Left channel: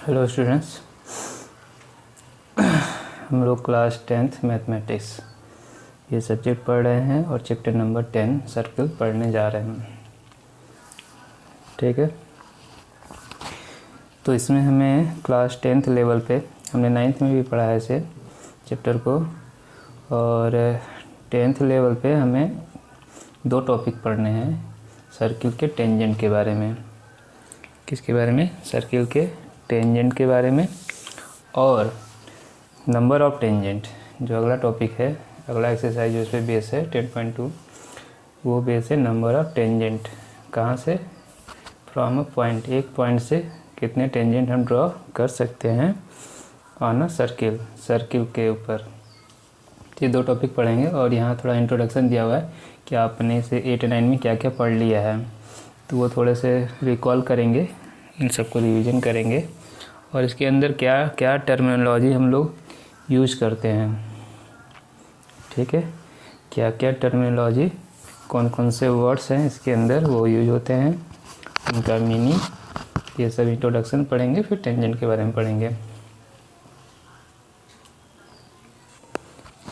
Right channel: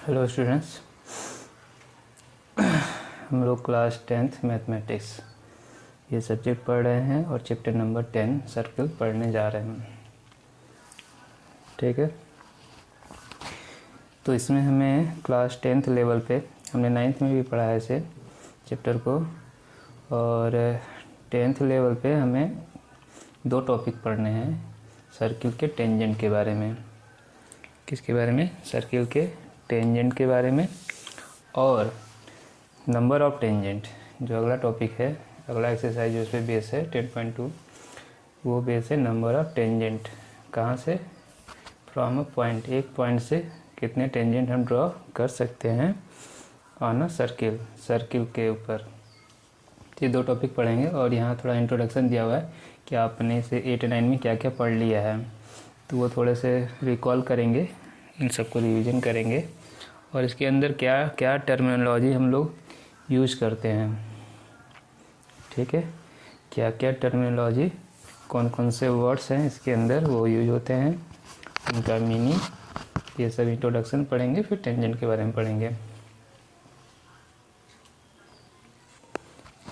Hello students, हम लोग class 10th mathematics ये सब्जेक्ट पढ़ रहे हैं और चैप्टर नंबर 10 सर्कल पढ़ने जा रहे हैं। ठीक है, तो इसमें हमें क्लास 10th लेवल पे, हमने 9th में भी पढ़ा है इसे चैप्टर को, और 10th लेवल पे हमें 2 टॉपिक पढ़ने हैं सर्किल के टेंजेंट के बारे में। किसके बारे में? सर्किल के टेंजेंट के बारे में, और नंबर ऑफ टेंजेंट जो अगला टॉपिक है, अगला एक्सरसाइज जो इस पर बेस है 10.2, वो बेस है नंबर ऑफ टेंजेंट। कहाँ से? फ्रॉम अ पॉइंट, एक पॉइंट से कितने टेंजेंट हम ड्रॉ कर सकते हैं ऑन अ सर्किल के ऊपर। ये 2 टॉपिक पढ़ेंगे और यहाँ थोड़ा इंट्रोडक्शन दिया हुआ है कि आपने से 8 और 9 में क्या क्या पढ़ लिया है, तो वो थोड़े से रिकॉल करेंगे, इन सबको रिवीजन करेंगे और इसके अंदर क्या क्या टर्मिनोलॉजी हम लोग यूज करते हैं। ठीक है, क्या क्या टर्मिनोलॉजी, कौन कौन से वर्ड्स हैं इसके अंदर वो यूज होते हैं, उनका मीनिंग, ये सब इंट्रोडक्शन पढ़ेंगे। फिर टेंजेंट के बारे में पढ़ेंगे।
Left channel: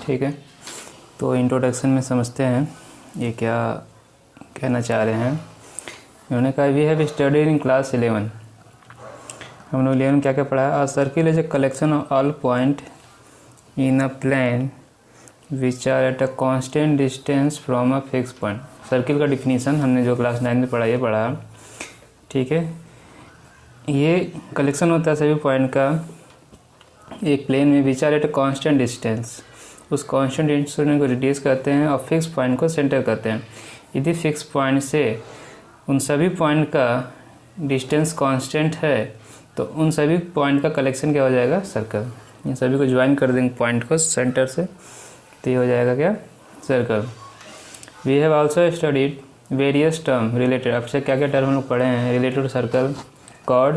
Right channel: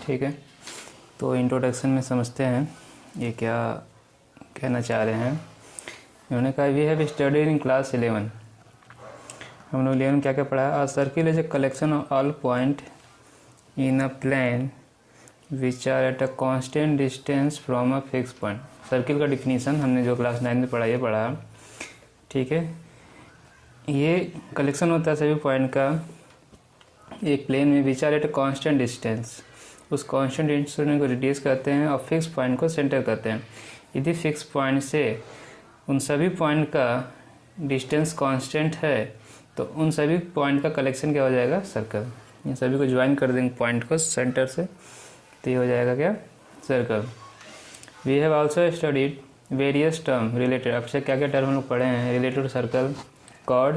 ठीक है, तो इंट्रोडक्शन में समझते हैं ये क्या कहना चाह रहे हैं। उन्होंने कहा we have studied in class 11, हम लोग 11 क्या क्या पढ़ा है। Circle is a collection of all point in a plane which are at a constant distance from a fix point. Circle का डिफिनीसन हमने जो क्लास 9 में पढ़ा, ये पढ़ा। ठीक है, ये कलेक्शन होता है सभी पॉइंट का एक प्लेन में, which are at a constant distance, उस कांस्टेंट डिस्टेंस को रिड्यूस करते हैं और फिक्स पॉइंट को सेंटर करते हैं। यदि फिक्स पॉइंट से उन सभी पॉइंट का डिस्टेंस कांस्टेंट है तो उन सभी पॉइंट का कलेक्शन क्या हो जाएगा? सर्कल। इन सभी को ज्वाइन कर देंगे पॉइंट को सेंटर से, तो ये हो जाएगा क्या? Circle. We have also studied various term related, अब से क्या क्या टर्म हम लोग पढ़े हैं रिलेटेड टू सर्कल। कॉर्ड,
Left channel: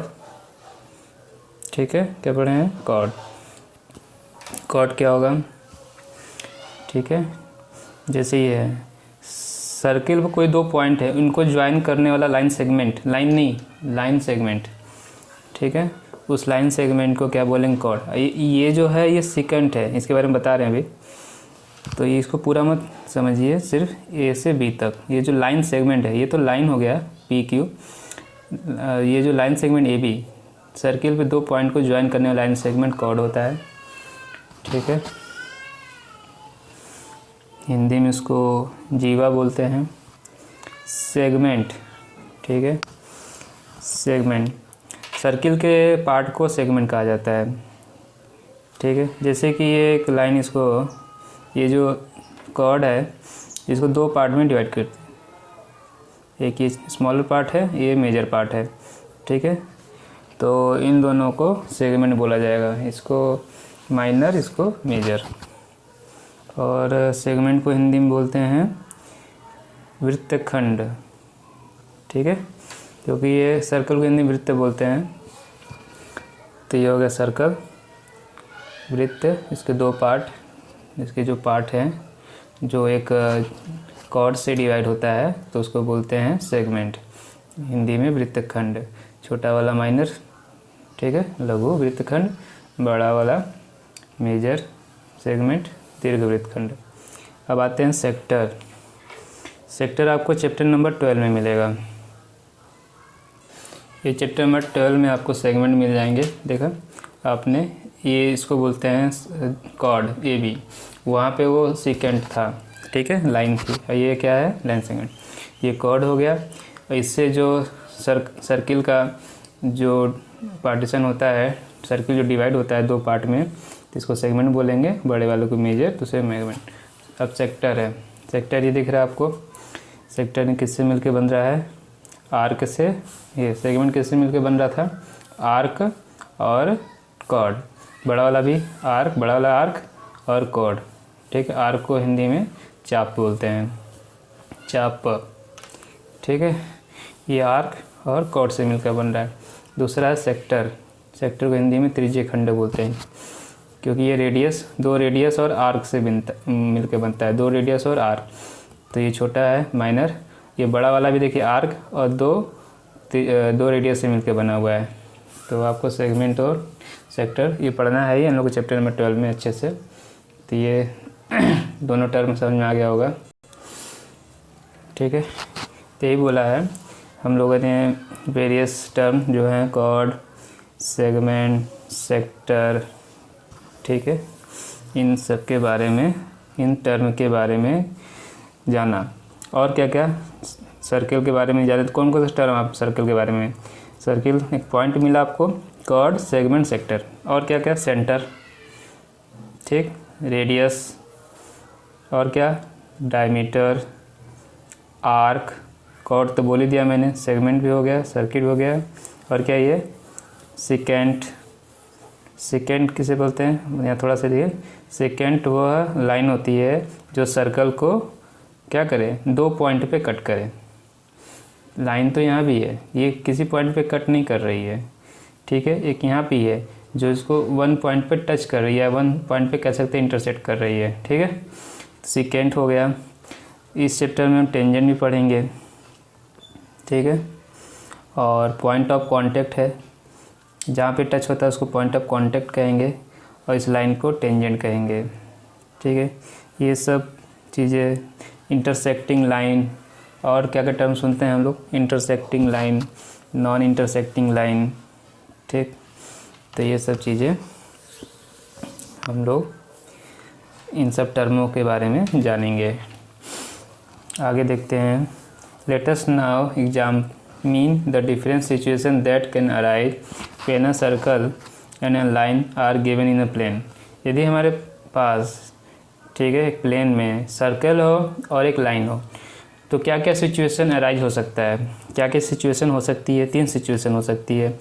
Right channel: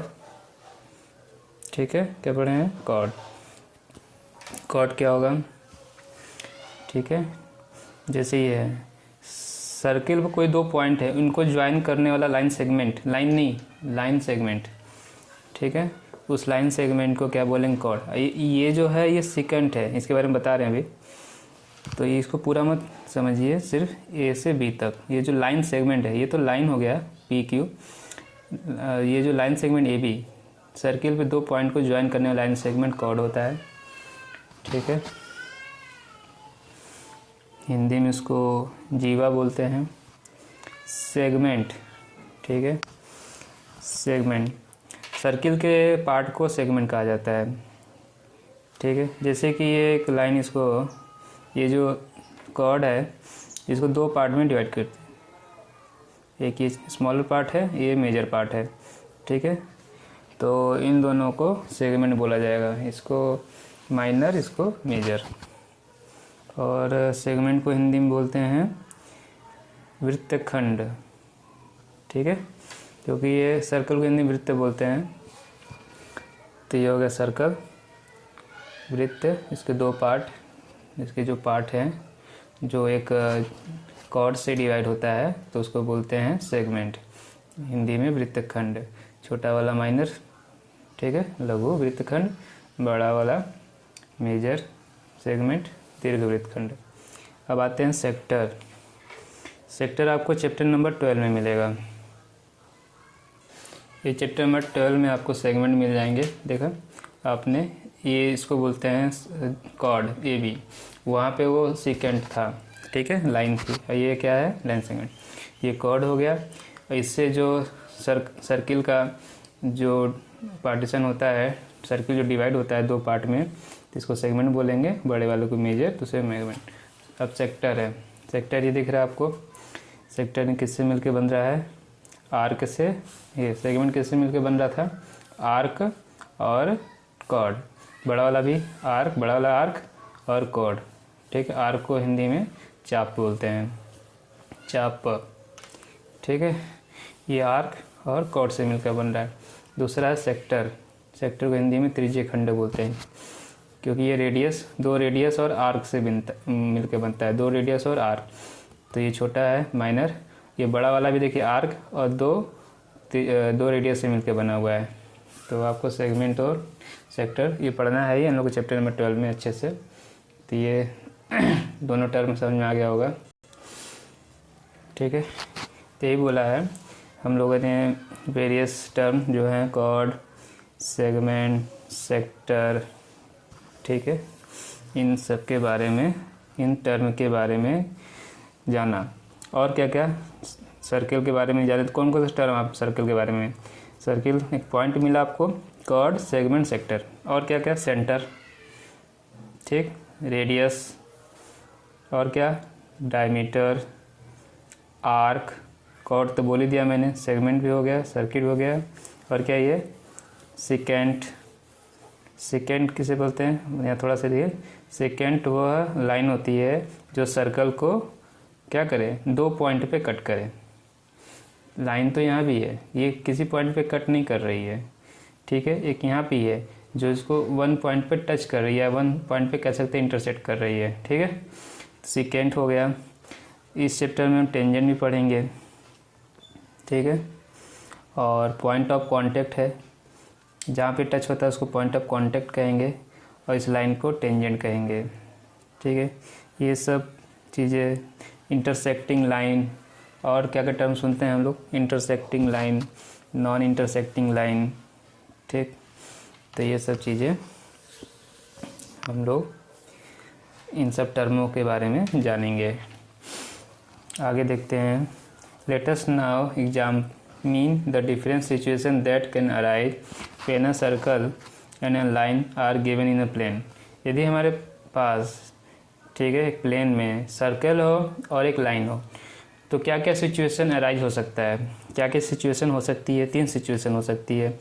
ठीक है, क्या पढ़े हैं? कॉर्ड। कॉर्ड क्या होगा? ठीक है, जैसे ये है सर्किल में कोई 2 पॉइंट है, इनको ज्वाइन करने वाला लाइन सेगमेंट, लाइन नहीं, लाइन सेगमेंट। ठीक है, उस लाइन सेगमेंट को क्या बोलेंगे? कॉर्ड। ये जो है ये सेकेंड है, इसके बारे में बता रहे हैं अभी, तो ये इसको पूरा मत समझिए, सिर्फ ए से बी तक। ये जो लाइन सेगमेंट है, ये तो लाइन हो गया पी क्यू, ये जो line segment A B, circle पे 2 पॉइंट को ज्वाइन करने वाला लाइन सेगमेंट कॉर्ड होता है। ठीक है, हिंदी में इसको जीवा बोलते हैं। सेगमेंट, ठीक है, सेगमेंट, सर्किल के पार्ट को सेगमेंट कहा जाता है। ठीक है, जैसे कि ये एक लाइन, इसको ये जो कॉर्ड है इसको 2 पार्ट में डिवाइड करते हैं, एक ये स्मॉलर पार्ट है, ये मेजर पार्ट है। ठीक है, तो इन दोनों को सेगमेंट बोला जाएगा, इसको माइनर, इसको मेजर। और सेगमेंट को हिंदी में बोलते हैं वृत्तखंड। ठीक है, क्योंकि ये सर्कल को हिंदी में वृत्त बोलते हैं, तो ये हो गया सर्कल, वृत्त। इसके 2 पार्ट, इसके जो पार्ट हैं जो एक कॉर्ड से डिवाइड होता है तो उसको बोलते हैं सेगमेंट, हिंदी में वृत्तखंड। छोटा वाला माइनर, ठीक है, लघु वृत्तखंड, बड़ा वाला मेजर सेगमेंट, दीर्घ वृत्तखंड। अब आते हैं सेक्टर। सेक्टर आपको चैप्टर नंबर 12 में मिलेगा। ये चैप्टर नंबर 12 में आपको सेगमेंट मिल जाएंगे। देखा आपने, ये इसको बोलते हैं कॉर्ड ए बी, वहाँ पे वो सेकेंड था, ठीक है, लाइन थी, और ये क्या है? Line segment. ये कॉर्ड हो गया। इससे जो सर्किल का जो पार्टीशन होता है, सर्किल जो डिवाइड होता है 2 पार्ट में, तो इसको सेगमेंट बोलेंगे, बड़े वालों को मेजर, दूसरे सेगमेंट। अब सेक्टर है, सेक्टर ये दिख रहा है आपको, सेक्टर किससे मिलके बन रहा है? आर्क से। ये सेगमेंट किससे मिलके बन रहा था? आर्क और कॉर्ड। बड़ा वाला भी आर्क, बड़ा वाला आर्क और कॉर्ड। ठीक है, आर्क को हिंदी में चाप बोलते हैं, चाप। ठीक है, ये आर्क और कॉर्ड से मिलकर बन रहा है। दूसरा है सेक्टर, सेक्टर को हिंदी में त्रिज्यीय खंड बोलते हैं, क्योंकि ये रेडियस, 2 रेडियस और आर्क से मिलकर बनता है, 2 रेडियस और आर्क। तो ये छोटा है माइनर, ये बड़ा वाला भी देखिए आर्क और 2 रेडियस से मिलकर बना हुआ है, तो आपको सेगमेंट और सेक्टर ये पढ़ना है ही हम लोग को चैप्टर नंबर 12 में अच्छे से। तो ये दोनों टर्म समझ में आ गया होगा, ठीक है। तो यही बोला है हम लोगों ने वेरियस टर्म जो हैं कॉर्ड, सेगमेंट, सेक्टर, ठीक है, इन सब के बारे में, इन टर्म के बारे में जाना। और क्या क्या, सर्किल के बारे में जाने। तो कौन कौन सा टर्म आप सर्किल के बारे में, सर्किल एक पॉइंट मिला आपको, कॉर्ड, सेगमेंट, सेक्टर, और क्या क्या, सेंटर, ठीक, रेडियस, और क्या, डायमीटर, आर्क, कॉर्ड तो बोल ही दिया मैंने, सेगमेंट भी हो गया, सर्किट हो गया, और क्या ये सेकेंट, सेकेंट किसे बोलते हैं, यहाँ थोड़ा सा देखिए, सेकेंट वह लाइन होती है जो सर्कल को क्या करे, 2 पॉइंट पे कट करे। लाइन तो यहाँ भी है, ये किसी पॉइंट पे कट नहीं कर रही है, ठीक है। एक यहाँ पे है जो इसको 1 पॉइंट पे टच कर रही है, 1 पॉइंट पे कह सकते हैं इंटरसेक्ट कर रही है, ठीक है। सेकेंट हो गया। इस चैप्टर में हम टेंजेंट भी पढ़ेंगे, ठीक है। और पॉइंट ऑफ कांटेक्ट है, जहाँ पे टच होता है उसको पॉइंट ऑफ कांटेक्ट कहेंगे, और इस लाइन को टेंजेंट कहेंगे, ठीक है। ये सब चीज़ें, इंटरसेक्टिंग लाइन, और क्या क्या टर्म सुनते हैं हम लोग, intersecting line, non intersecting line, ठीक। तो ये सब चीज़ें हम लोग इन सब टर्मों के बारे में जानेंगे। आगे देखते हैं। Let us now examine the different situation that can arise when a circle and a line are given in a plane. यदि हमारे पास, ठीक है, एक प्लेन में सर्कल हो और एक लाइन हो, तो क्या क्या सिचुएशन अराइज हो सकता है, क्या क्या सिचुएशन हो सकती है। 3 सिचुएशन हो सकती है।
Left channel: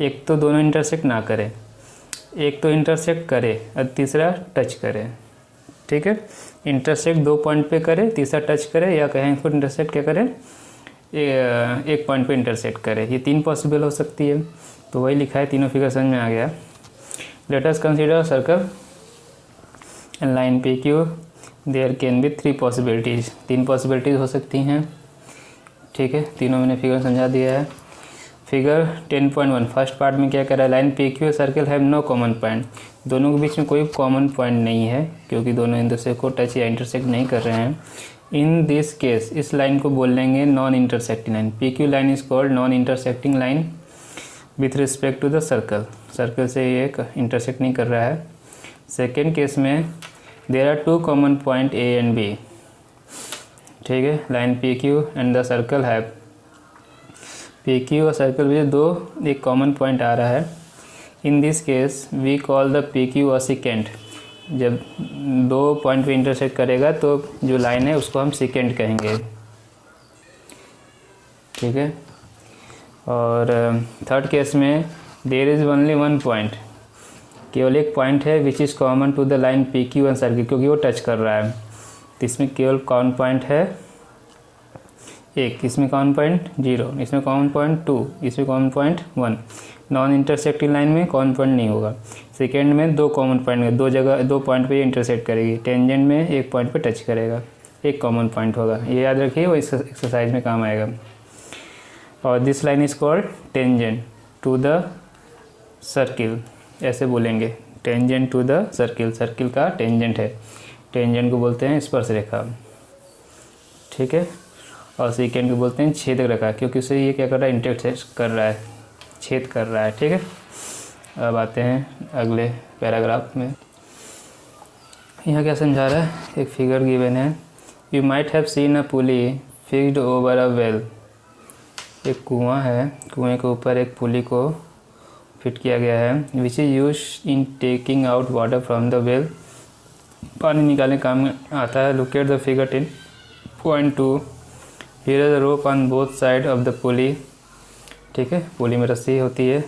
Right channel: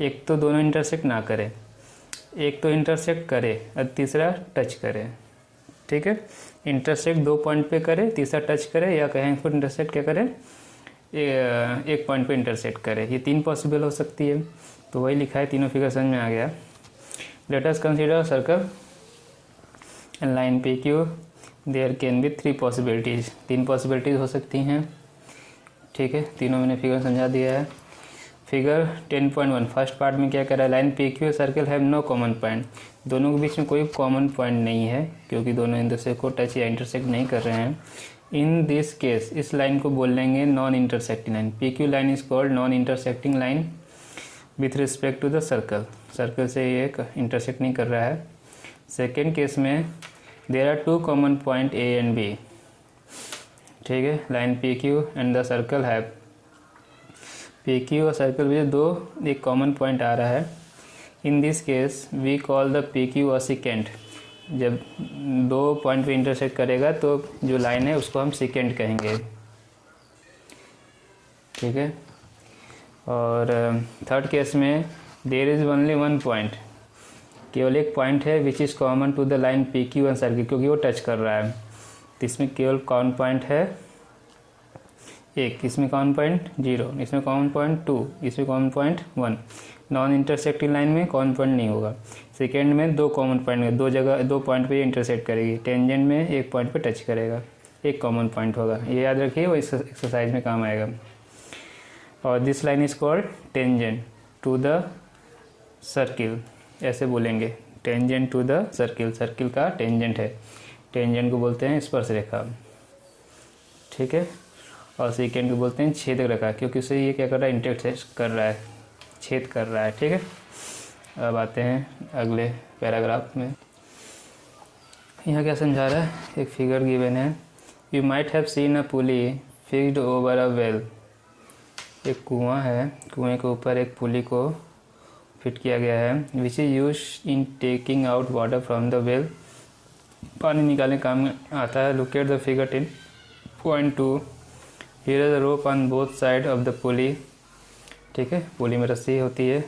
एक तो दोनों इंटरसेक्ट ना करे, एक तो इंटरसेक्ट करे, और तीसरा टच करे, ठीक है। इंटरसेक्ट 2 पॉइंट पे करे, तीसरा टच करे, या कहें इसको इंटरसेक्ट क्या करे, 1 पॉइंट पे इंटरसेक्ट करे। ये 3 पॉसिबल हो सकती है। तो वही लिखा है, तीनों फिगर समझ में आ गया। Let us consider circle and line P Q, there can be 3 possibilities. 3 possibilities हो सकती हैं, ठीक है। तीनों मैंने फिगर समझा दिया है। फिगर 10.1 फर्स्ट पार्ट में क्या कर रहा है, line P Q circle have no common point. दोनों के बीच में कोई कॉमन पॉइंट नहीं है, क्योंकि दोनों एक दूसरे को टच या इंटरसेक्ट नहीं कर रहे हैं। इन दिस केस इस लाइन को बोल लेंगे non intersecting line. P Q line is called non intersecting line with respect to the circle. Circle से ये इंटरसेक्ट नहीं कर रहा है। सेकेंड केस में there are 2 common point A and B, ठीक है। Line P Q and the circle have, P Q और सर्कल में 2 एक कॉमन पॉइंट आ रहा है। In this case we call the P Q a second. जब 2 पॉइंट पे इंटरसेक्ट करेगा तो जो लाइन है उसको हम सेकेंड कहेंगे, ठीक है। और थर्ड केस में देयर इज़ ओनली 1 पॉइंट, केवल एक पॉइंट है which is common to the line P Q and circle, क्योंकि वो टच कर रहा है। तो इसमें केवल कॉमन पॉइंट है 1, इसमें कॉमन पॉइंट 0, इसमें कॉमन पॉइंट 2, इसमें common point 1। Non intersecting line में कॉमन पॉइंट नहीं होगा। सेकेंड में 2 कॉमन पॉइंट में 2 जगह 2 पॉइंट पे ये इंटरसेक्ट करेगी। टेंजेंट में 1 पॉइंट पे टच करेगा, एक कॉमन पॉइंट होगा। ये याद रखिए, वो इस एक्सरसाइज में काम आएगा। और this line is called tangent to the circle, ऐसे बोलेंगे, tangent to the circle. Circle का टेंजेंट है, टेंजेंट को बोलते हैं स्पर्श रेखा, ठीक है। और सेकेंड को बोलते हैं छेदक रेखा, क्योंकि उसे ये क्या कर रहा है, इंटरसेक्ट कर रहा है, छेद कर रहा है, ठीक है। अब आते हैं अगले पैराग्राफ में। यहाँ क्या समझा रहा है, एक फिगर गिवन है। You might have seen a pulley fixed over a well. एक कुआं है, कुएं के ऊपर एक पुली को फिट किया गया है, which is use in taking out water from the well. पानी निकालने काम में आता है। Look at the figure 10.2। Here is the rope on both side of the pulley, ठीक है। पुली में रस्सी होती है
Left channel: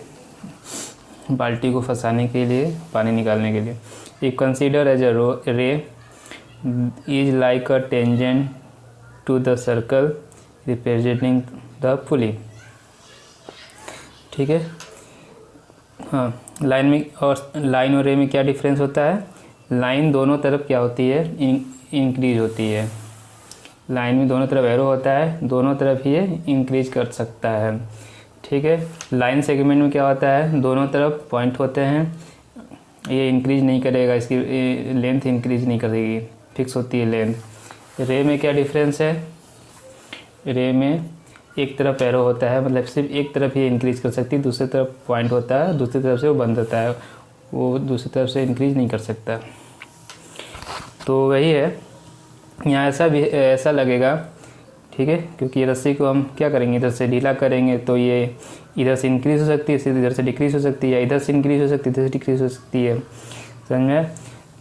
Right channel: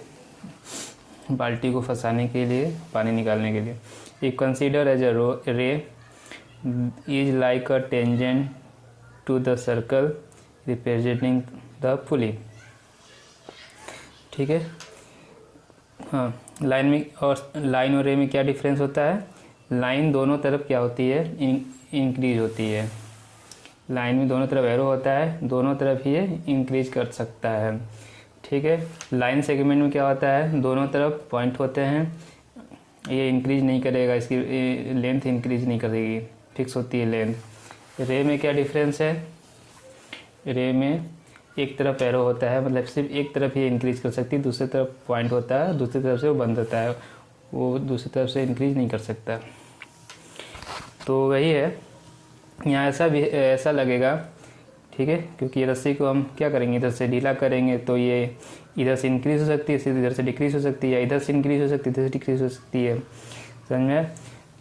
बाल्टी को फंसाने के लिए, पानी निकालने के लिए। If consider as a ray is like a tangent to the circle representing the pulley, ठीक है। हाँ, लाइन में और लाइन और रे में क्या डिफरेंस होता है। लाइन दोनों तरफ क्या होती है, इंक्रीज होती है। लाइन में दोनों तरफ एरो होता है, दोनों तरफ ये इंक्रीज कर सकता है, ठीक है। लाइन सेगमेंट में क्या होता है, दोनों तरफ पॉइंट होते हैं, ये इंक्रीज नहीं करेगा, इसकी लेंथ इंक्रीज नहीं करेगी, फिक्स होती है लेंथ। रे में क्या डिफरेंस है, रे में एक तरफ एरो होता है, मतलब सिर्फ एक तरफ ही इंक्रीज कर सकती है, दूसरी तरफ पॉइंट होता है, दूसरी तरफ से वो बंद होता है, वो दूसरी तरफ से इंक्रीज नहीं कर सकता। तो वही है, यहाँ ऐसा भी ऐसा लगेगा, ठीक है, क्योंकि ये रस्सी को हम क्या करेंगे, इधर से ढीला करेंगे तो ये इधर से इंक्रीज हो सकती है, इधर से डिक्रीज हो सकती है, इधर से इंक्रीज हो सकती है, इधर से डिक्रीज हो सकती है, समझ में।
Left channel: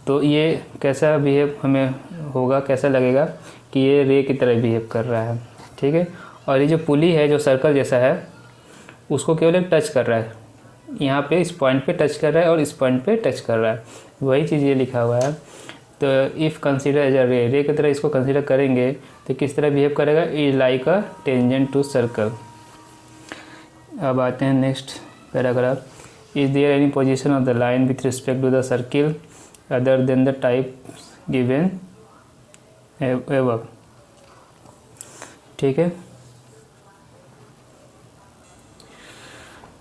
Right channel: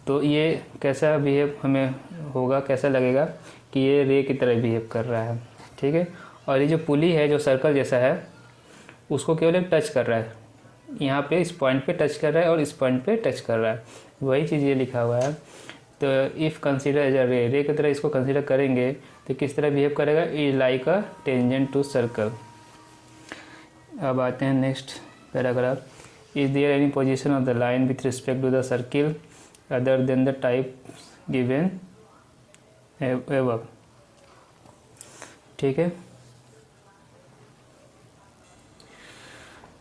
तो ये कैसा बिहेव हमें होगा, कैसा लगेगा कि ये रे की तरह बिहेव कर रहा है, ठीक है। और ये जो पुली है जो सर्कल जैसा है, उसको केवल एक टच कर रहा है, यहाँ पे इस पॉइंट पे टच कर रहा है और इस पॉइंट पे टच कर रहा है, वही चीज़ ये लिखा हुआ है। तो इफ़ कंसीडर एज अ रे की तरह इसको कंसीडर करेंगे तो किस तरह बिहेव करेगा, is like a tangent to circle. अब आते हैं next paragraph, is there any position of the line with respect to the circle other than the type given above, ठीक है।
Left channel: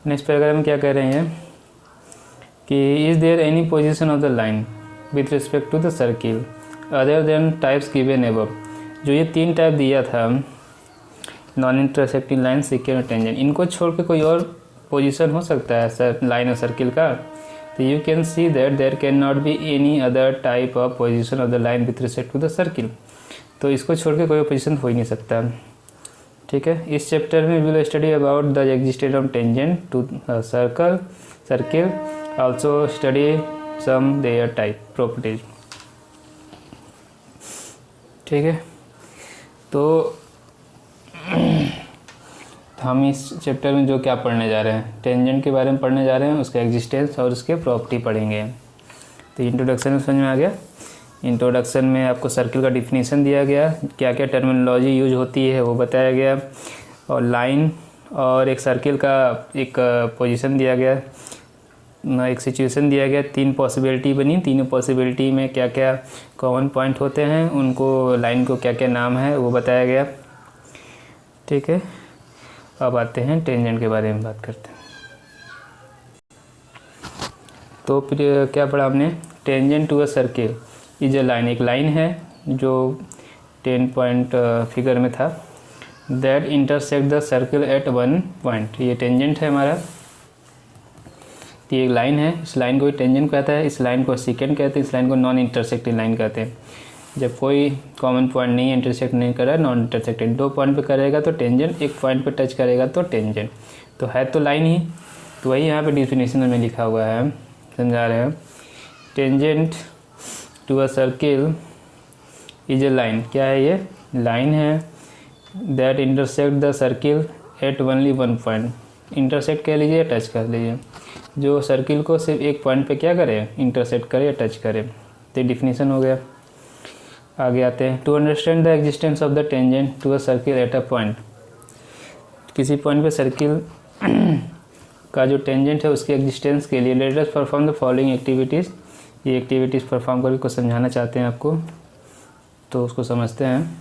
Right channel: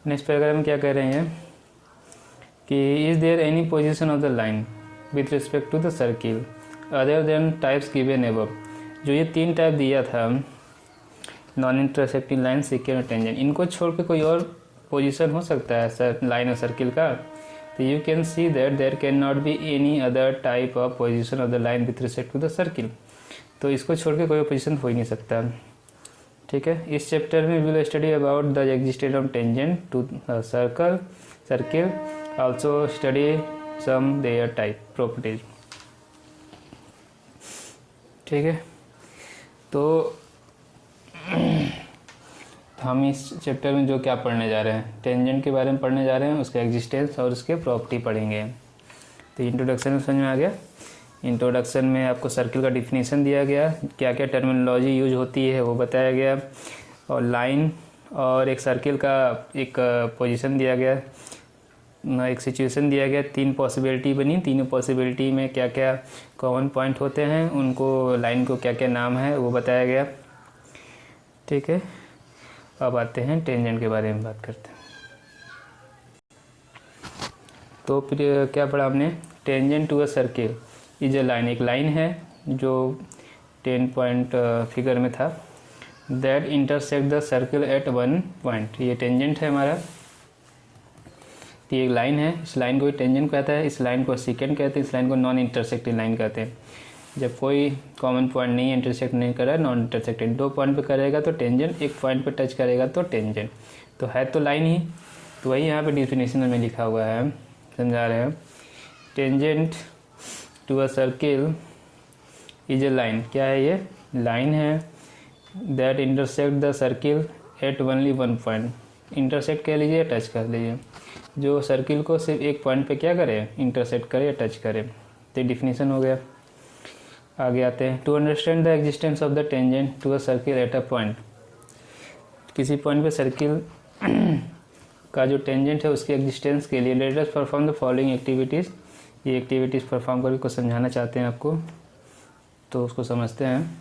नेक्स्ट पैराग्राफ में क्या कह रहे हैं कि is there any position of the line with respect to the circle other than types given above. जो ये 3 टाइप दिया था, नॉन इंटरसेक्टिंग लाइन, सेकेंड और टेंजेंट, इनको छोड़ के कोई और पोजीशन हो सकता है सर लाइन और सर्किल का। तो you can see that there can not be any other type of position of the line with respect to the circle. तो इसको छोड़ के कोई पोजीशन हो ही नहीं सकता, ठीक है। इस चैप्टर में we will study about the existence of tangent to circle, also study some their type properties, ठीक है। तो हम इस चैप्टर में जो क्या पढ़ने जा रहे हैं, टेंजेंट के बारे में पढ़ने जा रहे हैं, उसका एग्जिस्टेंस और उसके प्रॉपर्टी पढ़ेंगे। तो इंट्रोडक्शन में समझ में आ गया। इंट्रोडक्शन में आपको सर्किल का डिफिनीशन दिया गया, क्या क्या टर्मिनोलॉजी यूज होती है वो बताया गया, और लाइन और एक सर्किल का एक पोजीशन दिया गया, एक सिचुएशन दिया गया, 3 पॉसिबिलिटी बनी, तीनों पॉसिबिलिटी में क्या क्या कॉमन पॉइंट होते हैं, उनको लाइन को क्या क्या नाम है वो बताया गया, ठीक है। अब आते हैं टेंजेंट के बारे में बात करते हैं। तो फिर क्या पढ़ा हमने, tangent to a circle is a line, एक लाइन है जो 10 पॉइंट फिगर में था, that intersect the circle at 1 point, ये टेंजेंट है हमारा। ये एक लाइन है, इस लाइन को टेंजेंट कहता है, इस लाइन को सेकेंड कहते हैं, इस लाइन को नॉन इंटरसेक्टिंग लाइन कहते हैं। जब कोई कॉमन पॉइंट नहीं इंटरसेक्ट नहीं कर रहा है, नॉन इंटरसेक्टेड, 2 पॉइंट पे करेगा तो टेंजेंट, एक पॉइंट पे टच करेगा तो टेंजेंट, तो है तो लाइन ही। तो वही यहाँ पे डिफिनेशन में लिखा हुआ है, समझा रहे हैं। Tangent to a circle is a line, क्या है ये, लाइन है, that intersect the circle at only 1 point, intersect कह लीजिए, टच कर लीजिए, जो सर्किल को सिर्फ एक पॉइंट पे क्या करे, इंटरसेक्ट करे या टच करे। तो डिफिनीशन हो गया। आगे आते हैं, to understand the existence of the tangent to a circle at a point, किसी पॉइंट पे सर्किल का जो टेंजेंट है उसके एग्जिस्टेंस के लिए let us perform the following activities, ये एक्टिविटीज़ परफॉर्म करके कुछ समझाना चाहते हैं आपको, तो उसको समझते हैं,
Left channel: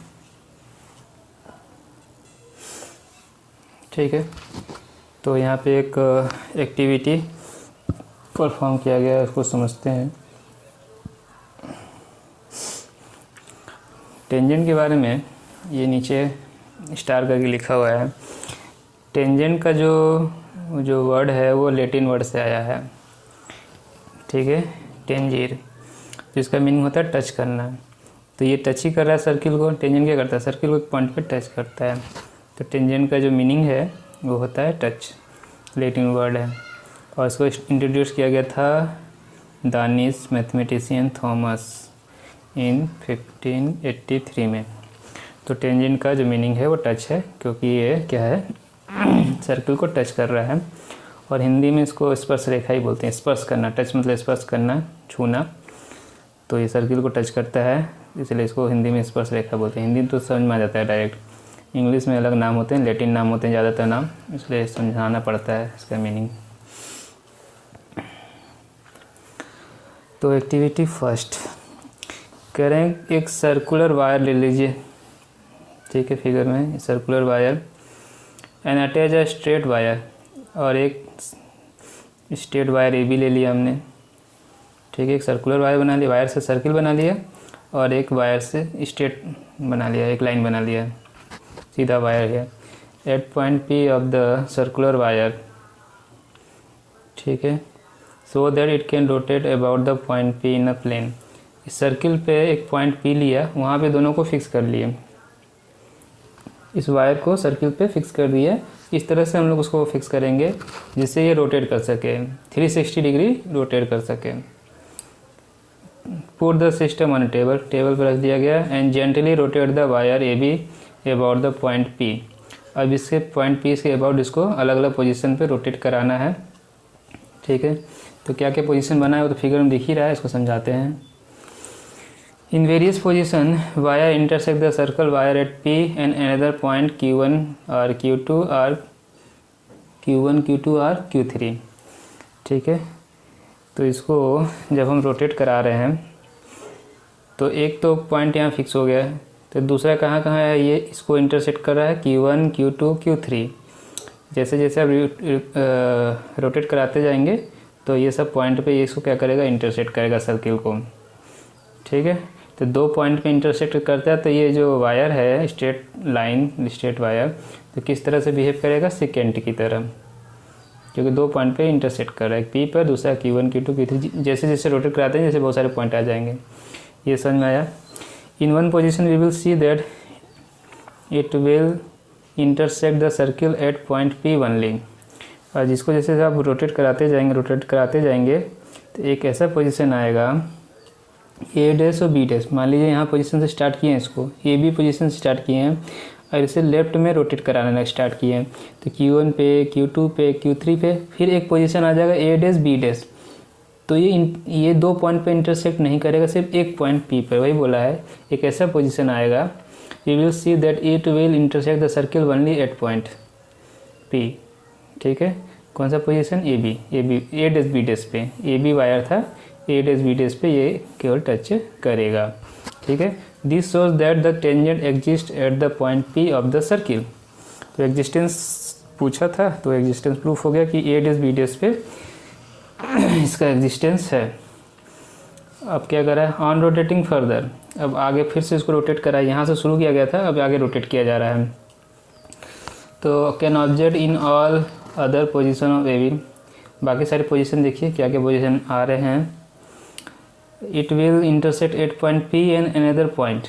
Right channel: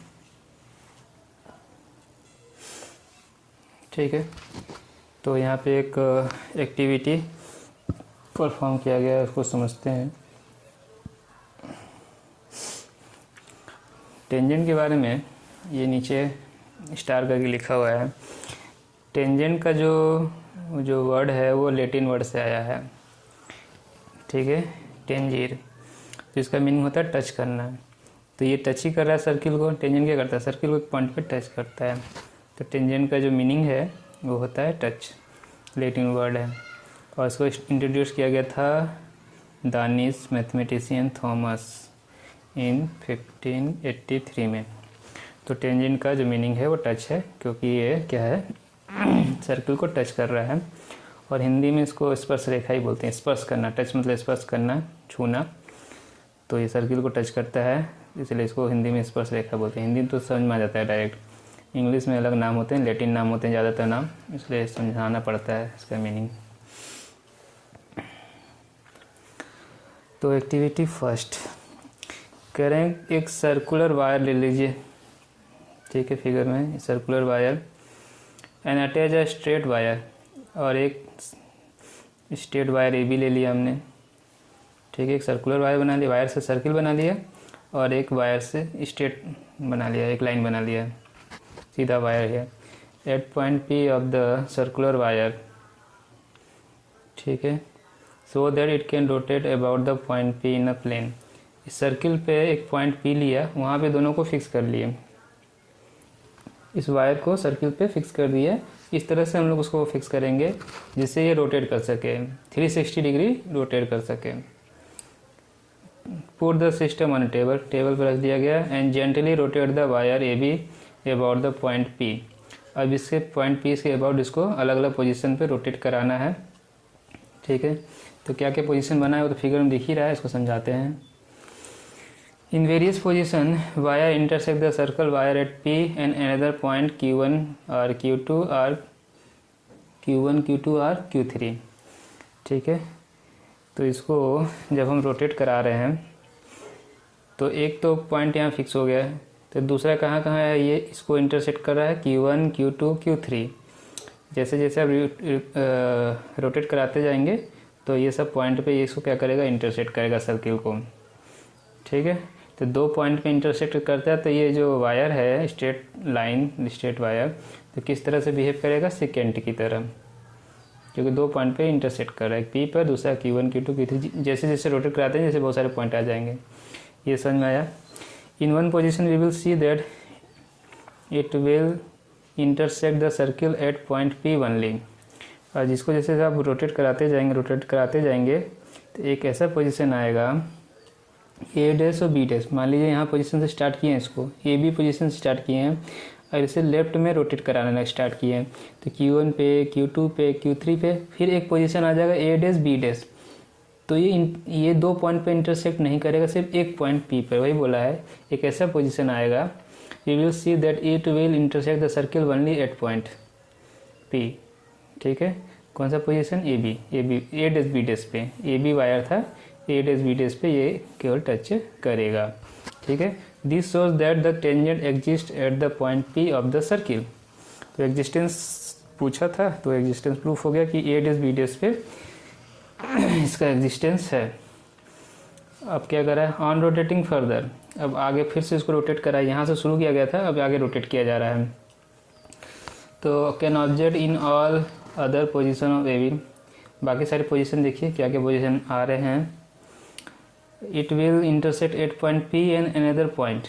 ठीक है। तो यहाँ पे एक एक्टिविटी परफॉर्म किया गया है, उसको समझते हैं। टेंजेंट के बारे में ये नीचे स्टार करके लिखा हुआ है। टेंजेंट का जो वर्ड है वो लैटिन वर्ड से आया है, ठीक है, टेंजीर, जिसका मीनिंग होता है टच करना। तो ये टच ही कर रहा है सर्किल को, टेंजेंट क्या करता है, सर्किल को एक पॉइंट पे टच करता है। तो टेंजेंट का जो मीनिंग है वो होता है टच, लैटिन वर्ड है, और इसको इंट्रोड्यूस किया गया था दानिश मैथमेटिशियन थॉमस इन 1583 में। तो टेंजेंट का जो मीनिंग है वो टच है, क्योंकि ये क्या है, सर्किल को टच कर रहा है, और हिंदी में इसको स्पर्श रेखा ही बोलते हैं, स्पर्श करना, टच मतलब स्पर्श करना, छूना, तो ये सर्किल को टच करता है, इसलिए इसको हिंदी में स्पर्श रेखा बोलते हैं। हिंदी तो समझ में आ जाता है डायरेक्ट, इंग्लिश में अलग नाम होते हैं, लैटिन नाम होते हैं ज़्यादातर नाम, इसलिए समझाना पड़ता है इसका मीनिंग। तो एक्टिविटी फर्स्ट कह रहे हैं, एक सर्कुलर वायर ले लीजिए, ठीक है, फिगर में circular wire, and attach a straight wire और एक स्ट्रेट वायर ए बी ले लिया हमने, ठीक है। एक सर्कुलर वायर बना लिया, वायर से सर्किल बना लिया, और एक वायर से स्ट्रेट बना लिया, एक लाइन बना लिया, सीधा वायर है। At point P of the circular wire, ठीक है, so that it can rotate about the point P in a plane. इस सर्किल पे एक पॉइंट पी लिया, वहाँ पे दोनों को फिक्स कर लिए, इस वायर को सर्किल पे फिक्स कर दिया। इस तरह से हम लोग उसको फिक्स करेंगे जिससे ये रोटेट कर सके, 360 डिग्री रोटेट कर सके। Put the system on table, table पर रख दिया गया। And gently rotate the wire A be about the point P. अब इसके पॉइंट पी से अबाउट इसको अलग अलग पोजीशन पे रोटेट कराना है, ठीक है। तो क्या क्या पोजीशन बना है वो तो फिगर में दिख ही रहा है, इसको समझाते हैं। In various position wire intersect the circle wire eight P and another point Q1 और Q2 और Q1 Q2 और Q3, ठीक है। तो इसको जब हम रोटेट करा रहे हैं तो एक तो पॉइंट यहाँ फिक्स हो गया है, तो दूसरा कहाँ कहाँ है, ये इसको इंटरसेक्ट कर रहा है Q1 Q2 Q3। जैसे जैसे आप रोटेट कराते जाएंगे तो ये सब पॉइंट पे ये इसको क्या करेगा, इंटरसेक्ट करेगा सर्किल को, ठीक है। तो दो पॉइंट पे इंटरसेक्ट करता है तो ये जो वायर है स्ट्रेट लाइन, स्ट्रेट वायर, तो किस तरह से बिहेव करेगा, सेकेंड की तरह, क्योंकि दो पॉइंट पे इंटरसेक्ट कर रहा है, पी पर, दूसरा Q1 Q2 Q3। जैसे जैसे रोटेट कराते हैं जैसे बहुत सारे पॉइंट आ जाएंगे। ये समझ में आया। In one position we will see that it will intersect the circle at point P only. और जिसको जैसे आप रोटेट कराते जाएंगे तो एक ऐसा पोजीशन आएगा ए डैश और बी डैश। मान लीजिए यहाँ पोजीशन से स्टार्ट किए हैं, इसको ए बी पोजीशन से स्टार्ट किए हैं और इसे लेफ्ट में रोटेट कराना स्टार्ट किए हैं, तो Q1 पे, Q2 पे, Q3 पे, फिर एक पोजीशन आ जाएगा ए डैश बी डैश। तो ये दो पॉइंट पे इंटरसेक्ट नहीं करेगा, सिर्फ एक पॉइंट पी पे, वही बोला है। एक ऐसा पोजीशन आएगा, we will see that it will intersect the circle only at point P, ठीक है। कौन सा position, A dash B dash पे, ए बी वायर था, ए डैश बी डैश पे ये केवल टच करेगा, ठीक है। This shows that the tangent exist at the point P of the circle. तो एग्जिस्टेंस पूछा था, तो एग्जिस्टेंस प्रूफ हो गया कि ए डैश बी डैश पे इसका एग्जिस्टेंस है। अब क्या करा है, ऑन रोटेटिंग फर्दर, अब आगे फिर से इसको रोटेट करा है, यहाँ से शुरू किया गया था, अब आगे रोटेट किया जा रहा है। तो can object in all other position of A B, बाकी सारे पोजीशन देखिए क्या क्या पोजीशन आ रहे हैं। It will intersect at point P and another point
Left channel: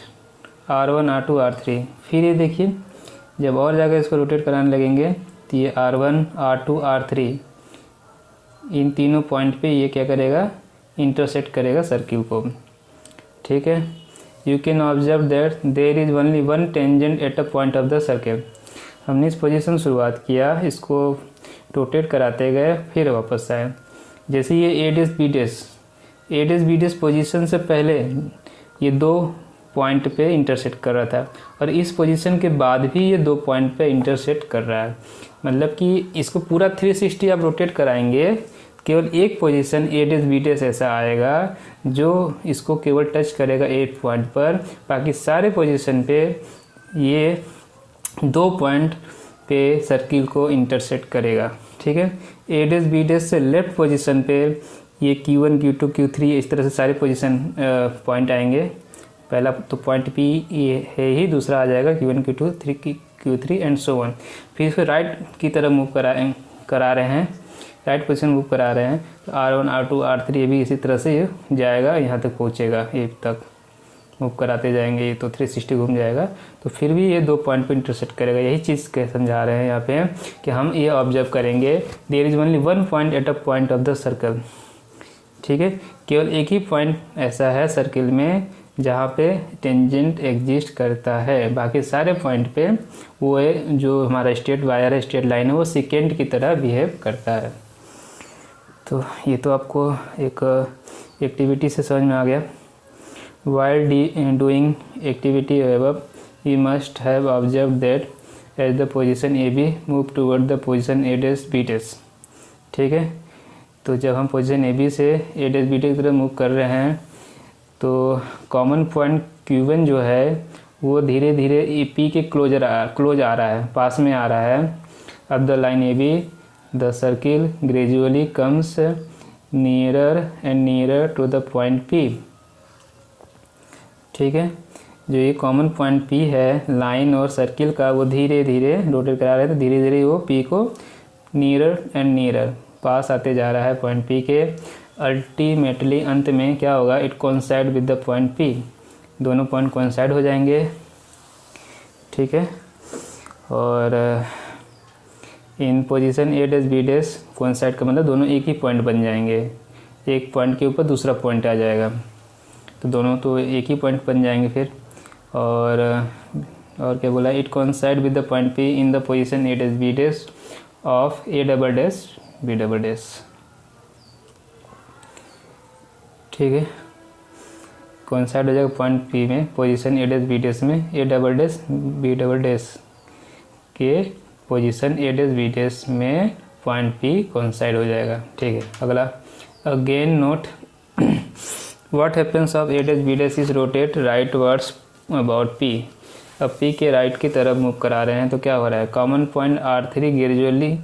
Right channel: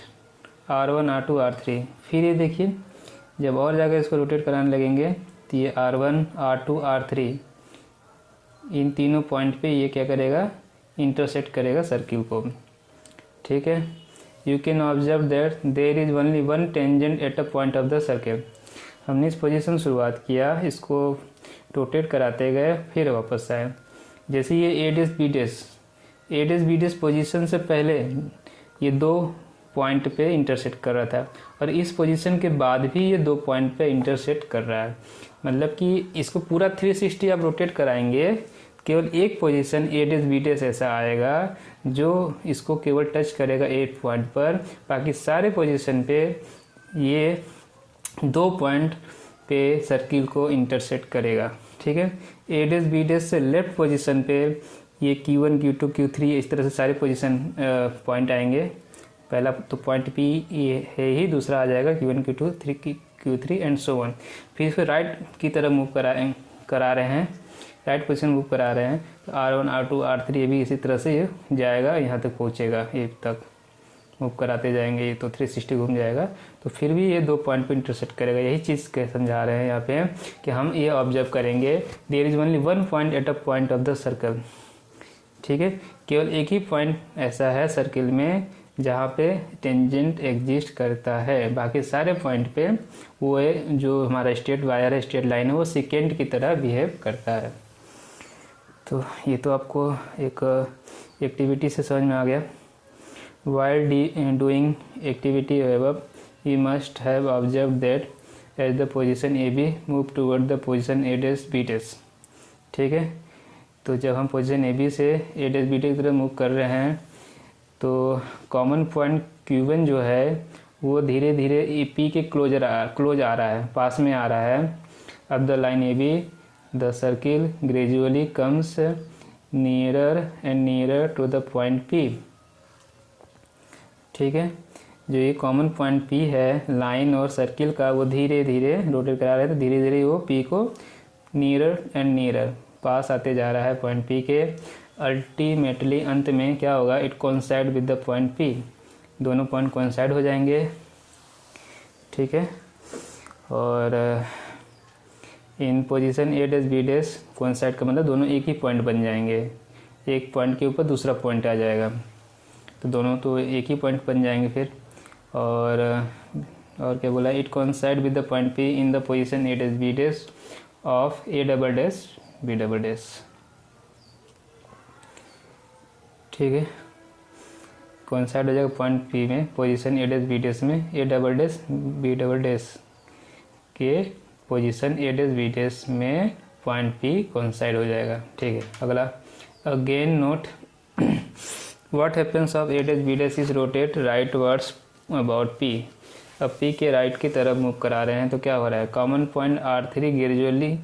R1 R2 R3। फिर ये देखिए जब और जगह इसको रोटेट कराने लगेंगे तो ये R1 R2 R3 इन तीनों पॉइंट पे ये क्या करेगा, इंटरसेक्ट करेगा सर्किल को, ठीक है। You can observe that there is only one tangent at a point of the circle. हमने इस पोजीशन शुरुआत किया, इसको रोटेट कराते गए, फिर वापस आए। जैसे ये ए डैश बी डैश पोजीशन से पहले ये दो पॉइंट पे इंटरसेक्ट कर रहा था, और इस पोजीशन के बाद भी ये दो पॉइंट पे इंटरसेक्ट कर रहा है। मतलब कि इसको पूरा 360 आप रोटेट कराएंगे, केवल एक position A dash B dash ऐसा आएगा जो इसको केवल टच करेगा एक पॉइंट पर, बाकी सारे पोजीशन पे ये दो पॉइंट पे सर्किल को इंटरसेक्ट करेगा, ठीक है। ए डैश बी डैश से लेफ्ट पोजीशन पे ये Q1 Q2 Q3 इस तरह से सारे पोजीशन पॉइंट आएंगे। पहला तो पॉइंट P ये है ही, दूसरा आ जाएगा Q1 Q2 Q3 and so on. फिर राइट की तरफ मूव करा रहे हैं, राइट पोजीशन मूव करा रहे हैं, तो R1 R2 R3 ये भी इसी तरह से ये जाएगा, यहाँ तक पहुँचेगा, ये तक मूव कराते जाएंगे तो 360 घूम जाएगा, तो फिर भी ये दो पॉइंट पे इंटरसेक्ट करेगा। यही चीज़ के समझा रहे हैं यहाँ पे कि हम ये ऑब्जर्व करेंगे, there is only one point at a point of the circle, ठीक है। केवल एक ही पॉइंट ऐसा है सर्किल में जहाँ पे टेंजेंट एग्जिस्ट करता है, बाकी सारे पॉइंट पे वो है जो हमारा स्ट्रेट वायर है, स्ट्रेट लाइन है, वो सेकेंड की तरह बिहेव करता है। तो ये तो आपको एक एक्टिविटी से समझ में आ गया। While doing activity above, we must have observed that as the position AB move toward the position A dash B dash, ठीक है। तो जब हम पोजीशन ए बी से ए डैश बी डैश की तरफ मूव कर रहे हैं तो कॉमन पॉइंट Q1 जो है वो धीरे धीरे पी के क्लोज आ रहा है, पास में आ रहा है। अब the line A B the circle gradually comes nearer and nearer to the point P। ठीक है, जो ये कॉमन पॉइंट P है लाइन और सर्किल का, वो धीरे धीरे रोटेट करा रहे हैं, तो धीरे धीरे वो P को नियरर एंड नियरर पास आते जा रहा है पॉइंट P के। अल्टीमेटली अंत में क्या होगा, it coincide with the point P, दोनों पॉइंट कोइंसाइड हो जाएंगे। ठीक है, और इन position A dash B dash coincide का मतलब दोनों एक ही पॉइंट बन जाएंगे, एक पॉइंट के ऊपर दूसरा पॉइंट आ जाएगा, तो दोनों तो एक ही पॉइंट बन जाएंगे फिर। और क्या बोला, it coincide with the point P in the position A dash B dash of A double dash B double dash. ठीक है, कोइंसाइड हो जाएगा पॉइंट P में position A dash B dash में A double dash B double dash के position A dash B dash में point P coincide हो जाएगा। ठीक है, अगला, again note what happens of A dash B dash is rotate right words about P। अब P के राइट की तरफ मूव करा रहे हैं तो क्या हो रहा है, common point R3 gradually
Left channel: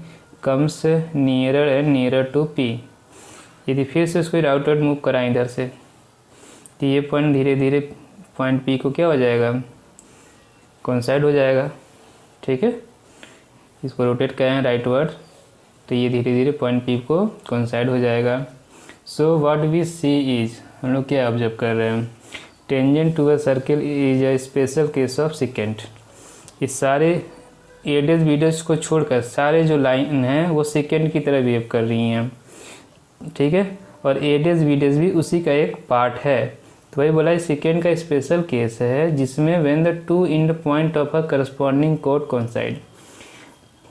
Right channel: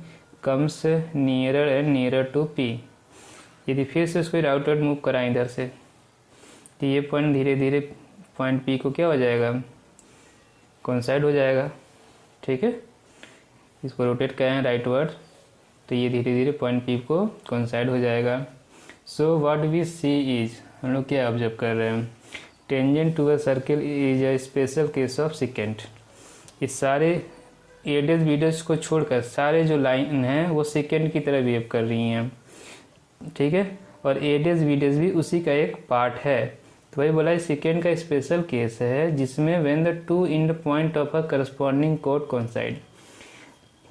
comes nearer and nearer to P। यदि फिर से उसको राउटवर्ड मूव कराएं इधर से, तो ये पॉइंट धीरे धीरे पॉइंट P को क्या हो जाएगा, कोइंसाइड हो जाएगा। ठीक है, इसको रोटेट करें राइटवर्ड, तो ये धीरे धीरे पॉइंट P को कोइंसाइड हो जाएगा। So what we see is, हम लोग क्या ऑब्जर्व कर रहे हैं, tangent to a circle is a special case of second. इस सारे A डैश B डैश को छोड़कर सारे जो लाइन हैं वो सेकेंड की तरह बिहेव कर रही हैं। ठीक है, और A डैश B डैश भी उसी का एक पार्ट है, तो वही बोला सेकेंड का स्पेशल केस है जिसमें when the two end point of a corresponding कोड कोइंसाइड।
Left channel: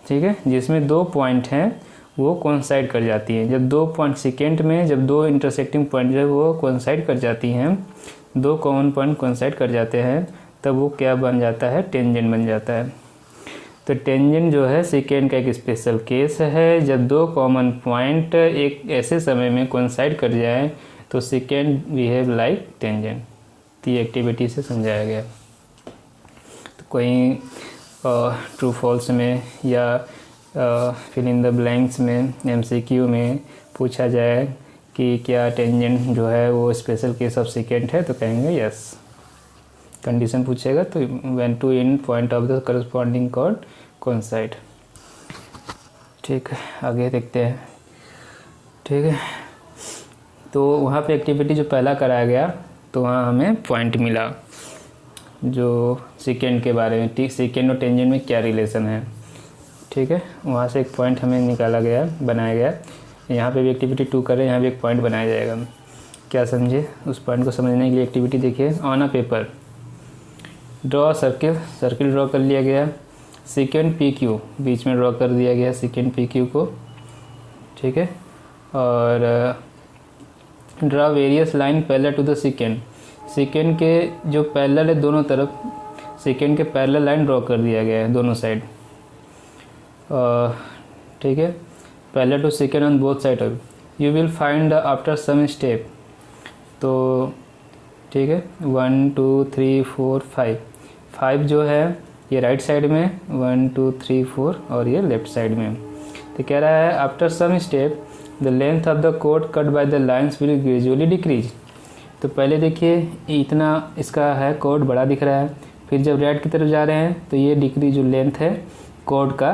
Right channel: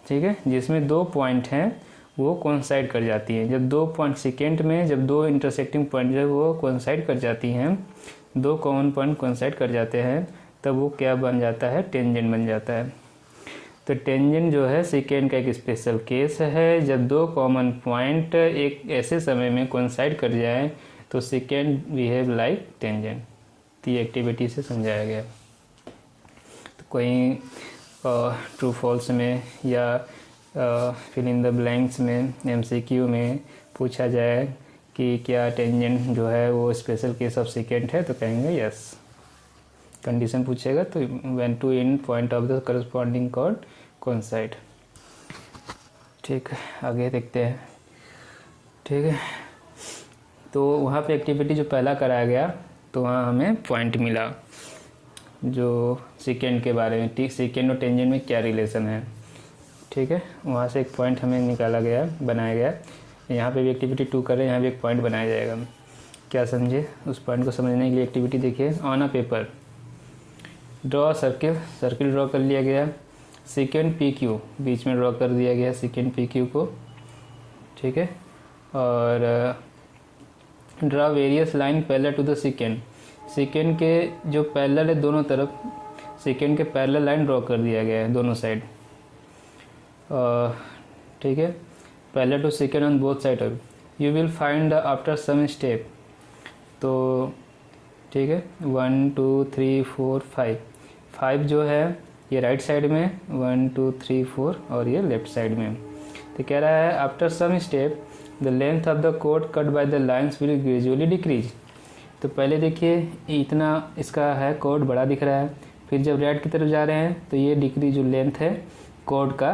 ठीक है, जिसमें दो पॉइंट हैं वो कोइंसाइड कर जाती हैं। जब दो पॉइंट सेकेंड में जब दो इंटरसेक्टिंग पॉइंट जो है वो कोइंसाइड कर जाती हैं, दो कॉमन पॉइंट कोइंसाइड कर जाते हैं, तब वो क्या बन जाता है, टेंजेंट बन जाता है। तो टेंजेंट जो है सेकेंड का एक स्पेशल केस है, जब दो कॉमन पॉइंट एक ऐसे समय में कोइंसाइड कर जाए तो सेकेंड बिहेव लाइक टेंजेंट। तो ये एक्टिविटी से समझाया गया। तो कोई ट्रू फॉल्स में या फिल इन द ब्लैंक्स में MCQ में पूछा जाए कि क्या टेंजेंट जो है वो स्पेशल केस ऑफ सेकेंड है, तो कहेंगे यस। कंडीशन पूछेगा तो when two end point of the corresponding कोड कोइंसाइड। ठीक है, आगे देखते हैं। ठीक है, तो वहाँ पे एक्टिविटी जो पहला कराया गया तो वहाँ हमें पॉइंट मिला जो सेकेंड के बारे में, सेकेंड और टेंजेंट में क्या रिलेशन है। ठीक है, वहाँ से एक पॉइंट हमें निकाला गया, बनाया गया। यहाँ पे भी एक्टिविटी 2 कर रहे हैं, यहाँ भी एक पॉइंट बनाया जाएगा। क्या समझे, उस पॉइंट को समझने के लिए एक्टिविटी देखिए। On a paper draw circle, circle draw कर लिया गया। सेकेंड PQ बीच में ड्रॉ कर दिया गया, सेकेंड PQ को। ठीक है, और draw various line parallel to the second, second के जो पैरेलल है दोनों तरफ, सेकेंड के पैरेलल लाइन ड्रॉ कर दिया गया है दोनों साइड। ठीक है, parallel to second on both side of, you will find after some step. तो ठीक है, 1 2 3 4 5, 5 जो है ये राइट साइड में, 1 2 3 4 और ये लेफ्ट साइड में। तो कह रहा है after some step the length of the कोड cut by the lines will gradually decrease. तो पहले देखिए इतना इसका है कोड बड़ा दिख रहा है, फिर जब राइट की तरफ जा रहे हैं तो ये डिक्रीज जो लेंथ है कोड का,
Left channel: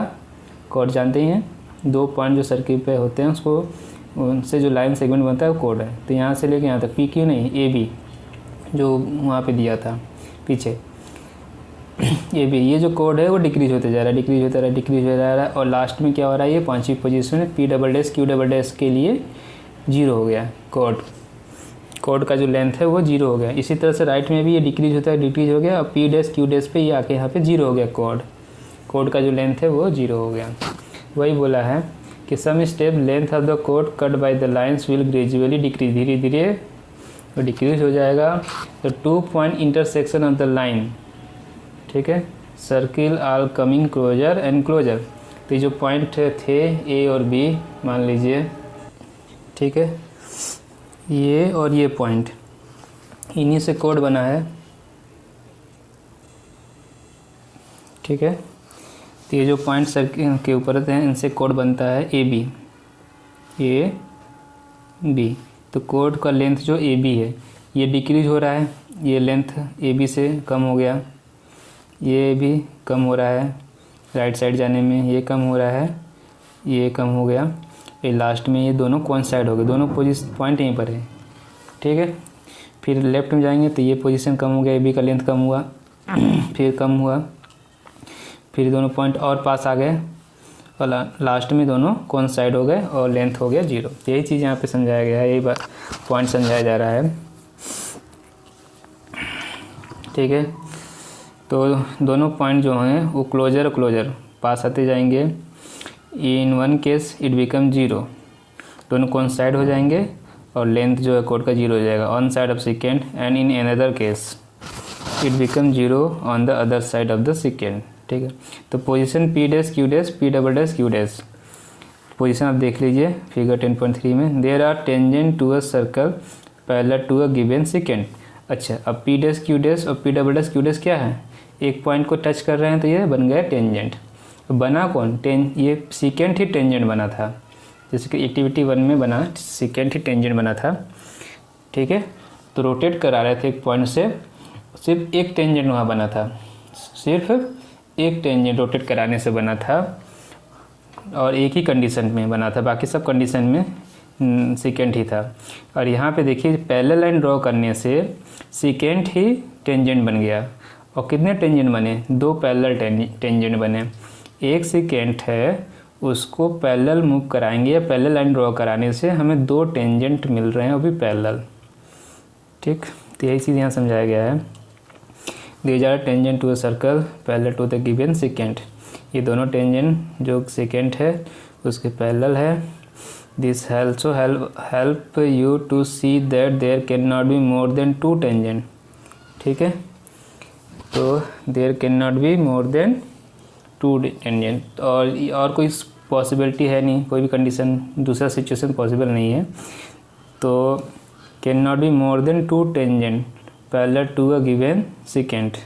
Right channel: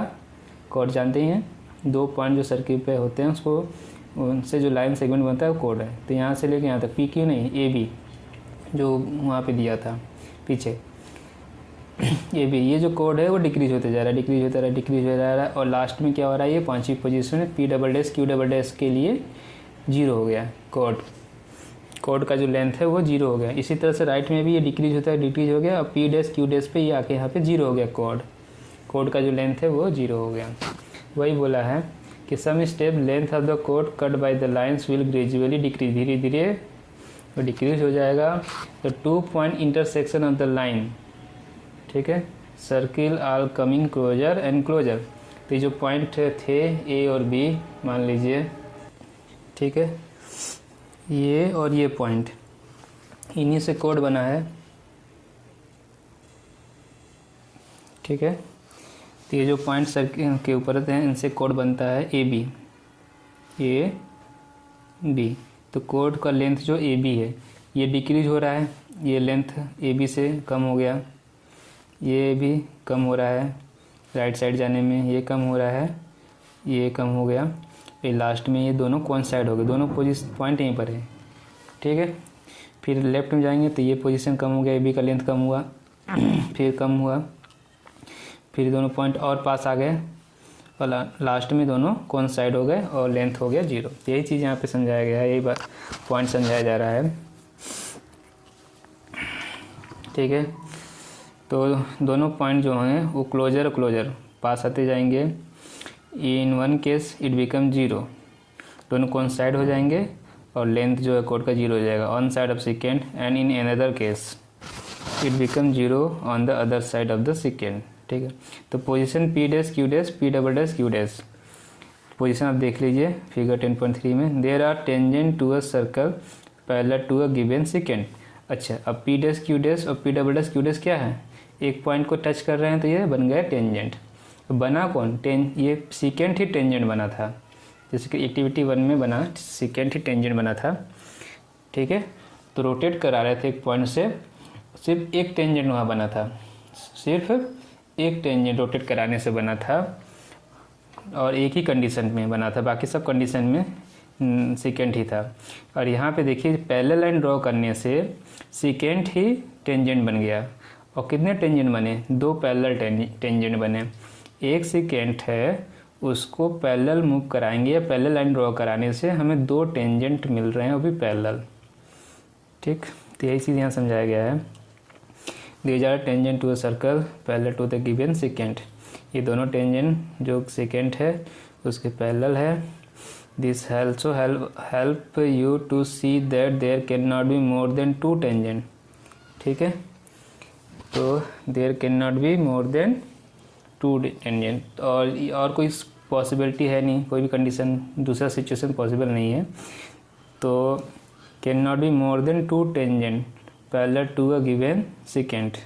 कोड जानते ही हैं, दो पॉइंट जो सर्किल पे होते हैं उसको, उनसे जो लाइन सेगमेंट बनता है वो कोड है। तो यहाँ से लेके यहाँ तक PQ नहीं AB जो वहाँ पे दिया था पीछे AB, ये जो कोड है वो डिक्रीज होते जा रहा है, डिक्रीज होता रहा है, डिक्रीज हो जा रहा है, और लास्ट में क्या हो रहा है, ये पांचवी पोजीशन में P double dash Q double dash के लिए 0 हो गया। कोड का जो लेंथ है वो 0 हो गया। इसी तरह से राइट में भी ये डिक्रीज होता है, डिक्रीज हो गया, और P डैश Q डैश पे ये आके यहाँ पे 0 हो गया। कोड का जो लेंथ है वो 0 हो गया। वही बोला है कि some step length of the कोड cut by the lines will gradually decrease, धीरे धीरे तो डिक्रीज हो जाएगा। तो 2 point intersection of the line, ठीक है, circle are coming closer and closer. तो ये जो पॉइंट थे A और B मान लीजिए, ठीक है, ये और ये पॉइंट, इन्हीं से कोड बना है। ठीक है, तो ये जो पॉइंट सर्किल के ऊपर रहते हैं इनसे कोड बनता है ए बी। तो कोड का लेंथ जो ए बी है ये डिक्रीज हो रहा है, ये लेंथ ए बी से कम हो गया, ये भी कम हो रहा है राइट साइड जाने में, ये कम हो रहा है, ये कम हो गया, ये लास्ट में ये दोनों कोइंसाइड हो गए, दोनों पोजीशन पॉइंट यहीं पर है। ठीक है, फिर लेफ्ट में जाएंगे तो ये पोजीशन कम हो गया, ए बी का लेंथ कम हुआ फिर कम हुआ, फिर दोनों पॉइंट और पास आ गए और लास्ट में दोनों कोइंसाइड हो गए और लेंथ हो गया 0। यही चीज़ यहाँ पे समझाया गया है, यही बात पॉइंट समझाया जा रहा है। ठीक है, तो दोनों पॉइंट जो हैं वो क्लोजर पास आते जाएंगे। In one case it become 0, दोनों कोइंसाइड हो जाएंगे और लेंथ जो है कोड का 0 हो जाएगा on side of second, and in another case it become 0 on the other side of the second. ठीक है, तो position P dash Q dash P double dash Q dash position आप देख लीजिए फिगर 10.3 में। There are tangent to a circle parallel to a given second. अच्छा, अब P dash Q dash और P double dash Q dash क्या है, एक पॉइंट को टच कर रहे हैं तो ये बन गया टेंजेंट। बना कौन, ये सेकेंड ही टेंजेंट बना था, जैसे कि एक्टिविटी 1 में बना सेकेंड ही टेंजेंट बना था। ठीक है, तो रोटेट करा रहे थे एक पॉइंट से, सिर्फ एक टेंजेंट वहाँ बना था, सिर्फ एक टेंजेंट रोटेट कराने से बना था और एक ही कंडीशन में बना था, बाकी सब कंडीशन में सेकेंड ही था। और यहाँ पे देखिए पैरेलल लाइन ड्रॉ करने से सेकेंड ही टेंजेंट बन गया। और कितने टेंजेंट बने, 2 पैरेलल टेंजेंट बने। एक सेकेंड है उसको पैरेलल मूव कराएंगे या पैरेलल लाइन ड्रॉ कराने से हमें 2 टेंजेंट मिल रहे हैं, वो भी पैरेलल। ठीक, तो यही चीज़ यहाँ समझाया गया है। These are tangent to a circle parallel to the given second. ये दोनों टेंजेंट जो सेकेंड है उसके पैरेलल है। This also help you to see that there can not be more than 2 tangent. ठीक है, तो there can not be more than 2 tangent, और कोई पॉसिबिलिटी है नहीं, कोई भी कंडीशन दूसरा सिचुएशन पॉसिबल नहीं है। तो can not be more than 2 tangent parallel to a given second.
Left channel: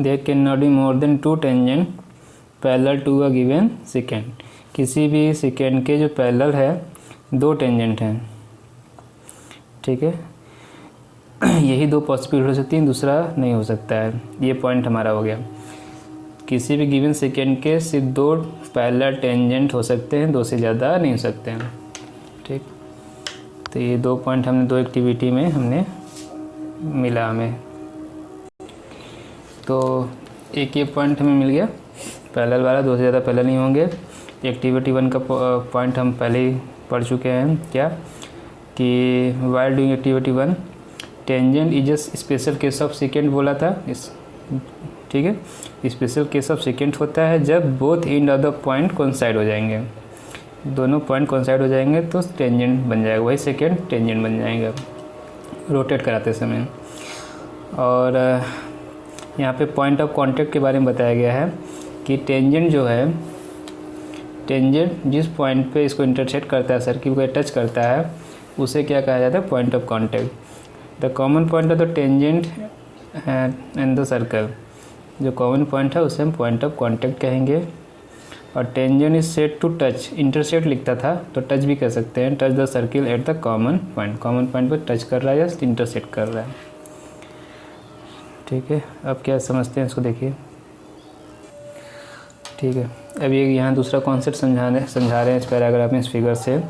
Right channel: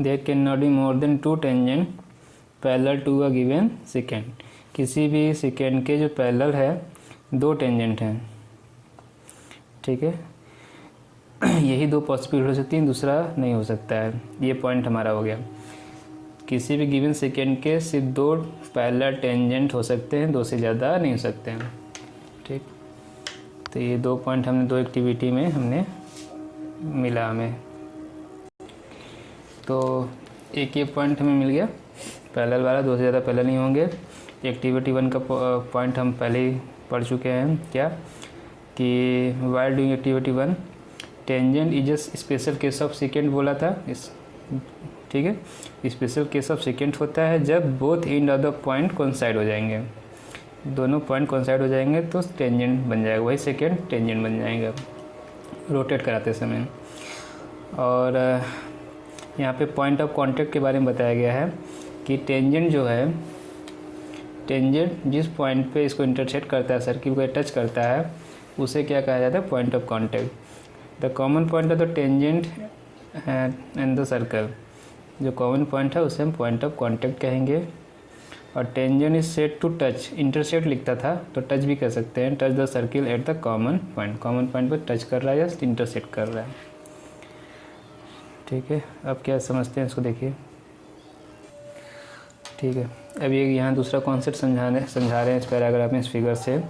There can not be more than 2 tangent parallel to a given second. किसी भी सेकेंड के जो पैरेलल है 2 टेंजेंट हैं। ठीक है, यही 2 पॉसिबिलिटी हो सकती हैं, दूसरा नहीं हो सकता है। ये पॉइंट हमारा हो गया। किसी भी गिवन सेकेंड के सिर्फ 2 पैरेलल टेंजेंट हो सकते हैं, 2 से ज़्यादा नहीं हो सकते हैं। ठीक, तो ये 2 पॉइंट हमने 2 एक्टिविटी में हमने मिला हमें। तो एक ये पॉइंट हमें मिल गया पैरेलल वाला, 2 से ज़्यादा पैरेलल नहीं होंगे। एक्टिविटी 1 का पॉइंट हम पहले ही पढ़ चुके हैं, क्या कि while doing activity 1 tangent is a special case of second बोला था इस। ठीक है, स्पेशल केस ऑफ सेकेंड होता है जब both end of the point coincide हो जाएंगे, दोनों पॉइंट कोइंसाइड हो जाएंगे तो टेंजेंट बन जाएगा, वही सेकेंड टेंजेंट बन जाएगा रोटेट कराते समय। और यहाँ पे पॉइंट ऑफ कांटेक्ट के बारे में बताया गया है कि टेंजेंट जो है, टेंजेंट जिस पॉइंट पे इसको इंटरसेक्ट करता है, सर्किल को टच करता है, उसे क्या कहा जाता है, point of contact. The common point of the tangent and the circle, जो कॉमन पॉइंट है उसे हम पॉइंट ऑफ कांटेक्ट कहेंगे। और tangent is said to touch, intersect लिखता था तो टच भी कर सकते हैं, touch the circle at the common point, common point पर टच कर रहा है या इंटरसेक्ट कर रहा है। ठीक है, अब क्या समझते हैं इसको देखिए। ठीक है, अब ये यहाँ दूसरा कॉन्सेप्ट समझा रहे हैं इस पैराग्राफ में, इस फिगर से।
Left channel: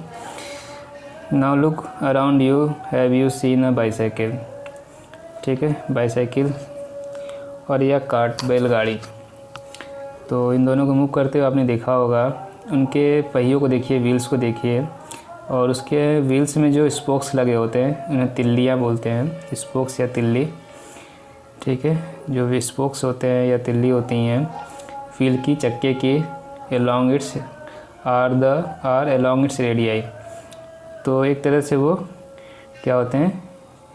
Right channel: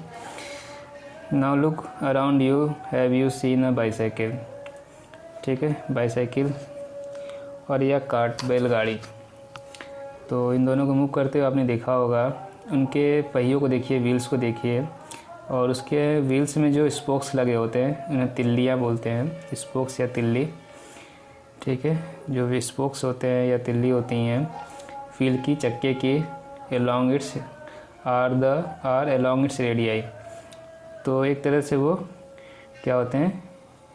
Now look around you, have you seen a bicycle. ठीक है, बाईसाइकिल और या कार्ट, बैलगाड़ी। तो इन दोनों को मूव करते हुए आपने देखा होगा, उनके पहियों को देखिए, व्हील्स को देखिए, और उसके व्हील्स में जो स्पोक्स लगे होते हैं उन्हें तिल्लियाँ बोलते हैं, स्पोक्स या तिल्ली। ठीक है, जो स्पोक्स होते हैं या तिल्ली होती हैं व्हील की, चक्के की, along its or along its radii. तो एक तरह से वो क्या होते हैं,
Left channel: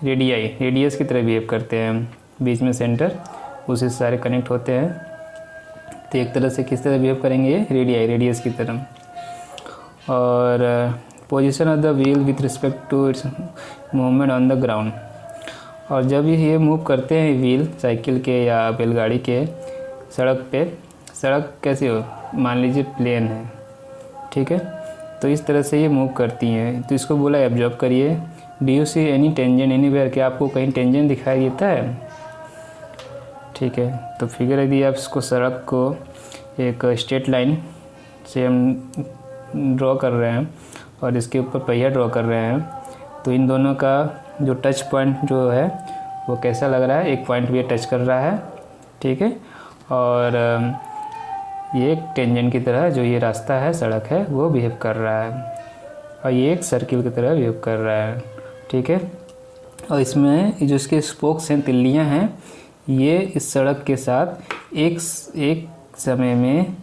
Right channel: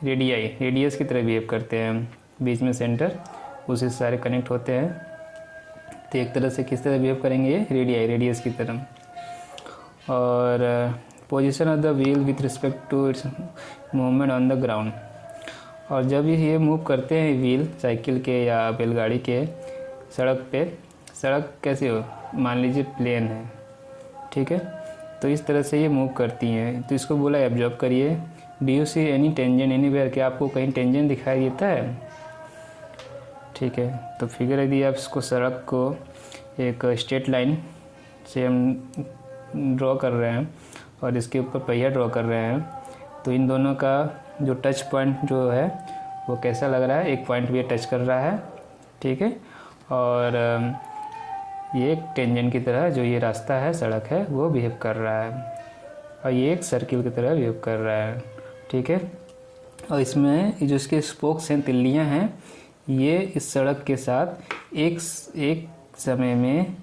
रेडियस की तरह बिहेव करते हैं, बीच में सेंटर, उसी से सारे कनेक्ट होते हैं। तो एक तरह से किस तरह बिहेव करेंगे, ये रेडियस की तरह। और position of the wheel with respect to its movement on the ground. और जब ये मूव करते हैं व्हील साइकिल के या बैलगाड़ी के, सड़क कैसे हो, मान लीजिए प्लेन है, ठीक है, तो इस तरह से ये मूव करती हैं। तो इसको बोला एब्जॉर्ब करिए। Do you see any tangent anywhere, क्या आपको कहीं टेंजेंट दिखाई देता है, ठीक है। तो फिगर यदि आप इसको सड़क को एक स्ट्रेट लाइन से हम ड्रॉ कर रहे हैं और इसके ऊपर पहिया ड्रॉ कर रहे हैं, तो इन दोनों का जो टच पॉइंट जो है वो कैसा लग रहा है, एक पॉइंट भी टच कर रहा है, ठीक है, और ये एक टेंजेंट की तरह जो ये रास्ता है, सड़क है, वो बिहेव कर रहा है, और ये एक सर्किल की तरह बिहेव कर रहा है, ठीक है। और इसमें जो इसके स्पोक्स हैं, तिल्लियां हैं, ये इस सड़क के साथ एक समय में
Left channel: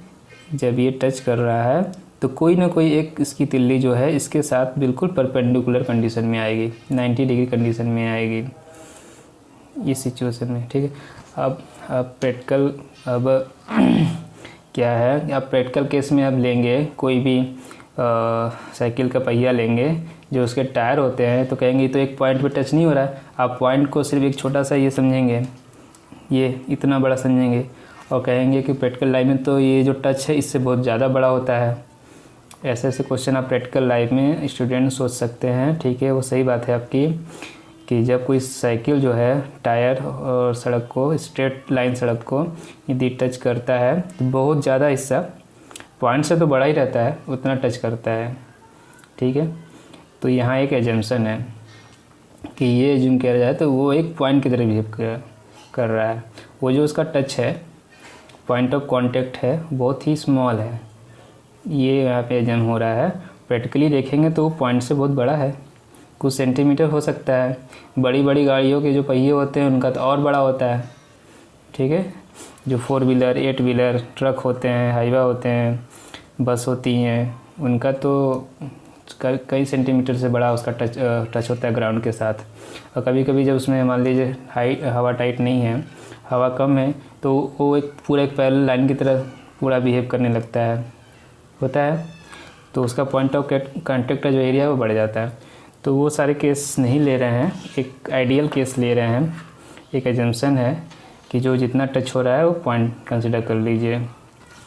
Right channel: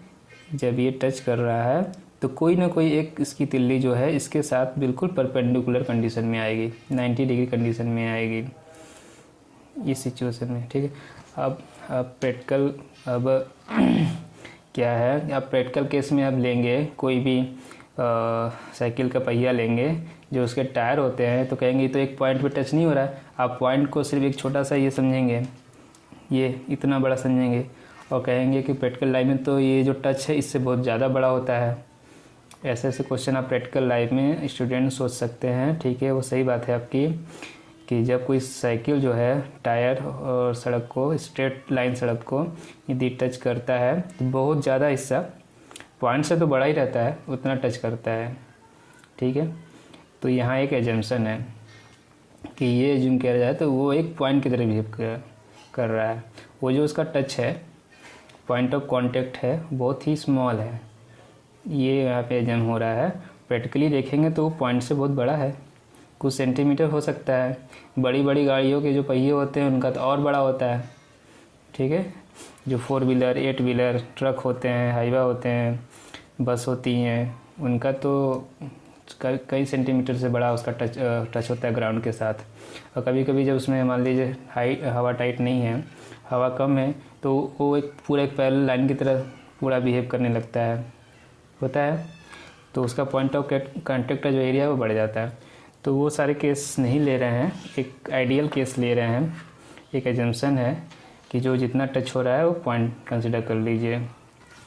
जब ये टच कर रहा है तो कोई ना कोई एक इसकी तिल्ली जो है इसके साथ बिल्कुल परपेंडिकुलर कंडीशन में आएगी, 90 डिग्री कंडीशन में आएगी इस सिचुएशन में, ठीक है। अब प्रैक्टिकल क्या है, आप प्रैक्टिकल केस में आप लेंगे कोई भी साइकिल का पहिया लेंगे, जो उसके टायर होते हैं, तो कहेंगे तो एक पॉइंट पे टच नहीं हो रहा है, आप पॉइंट को सिर्फ एक छोटा सा ये समझेंगे, ये इतना बड़ा समझेंगे, और कहेंगे कि प्रैक्टिकल लाइफ में तो ये जो टच है इससे बहुत ज़्यादा बड़ा होता है। ऐसे ऐसे क्वेश्चन आप प्रैक्टिकल लाइफ में स्टूडेंट सोच सकते हैं, ठीक है। वो सही बात है आपकी कि जब कोई साइकिल जो है टायर और सड़क को, स्ट्रेट लाइन सड़क को यदि टच करता है तो बहुत ज़्यादा हिस्सा पॉइंट से तो बड़ा ही रहता है, उतना टच करता है, ठीक है। तो यहाँ एक एजम्पशन है कि ये एज्यूम किया जाए तो वो एक पॉइंट की तरह बिहेव कर रहा है, वो जो उसका टच है, पॉइंट ऑफ कांटेक्ट है, बहुत ही स्मॉल है, ये यहाँ पे एज्यूम हो रहा है। प्रैक्टिकली देखेंगे तो वो पॉइंट से बहुत बड़ा है, कुछ सेंटीमीटर हो सकता है। बड़ी बड़ी गाड़ियों के जो पहिए होते हैं उनका तो और बड़ा होता है, ठीक है। जो 4 व्हीलर 8 व्हीलर ट्रक होते हैं, हाईवा होते हैं, बस होती हैं, उनका तो कई सेंटीमीटर से बड़ा उसका टच होता है ग्राउंड के साथ। और कभी कभी जब उसमें मान लीजिए हवा टाइट नहीं है, हवा कम है, तो वो एक पैरेलल लाइन की तरह पूरा बिहेव करने लगता है, होता है, तो उसका पॉइंट ऑफ कांटेक्ट का जो एरिया है वो बढ़ जाता है। तो वो सारे केस नहीं ले रहे हैं, एक आइडियल केस ले रहे हैं, एक एजम्पशन है कि जो जितना टच हो रहा है वो पॉइंट कंसिडर कर लीजिए,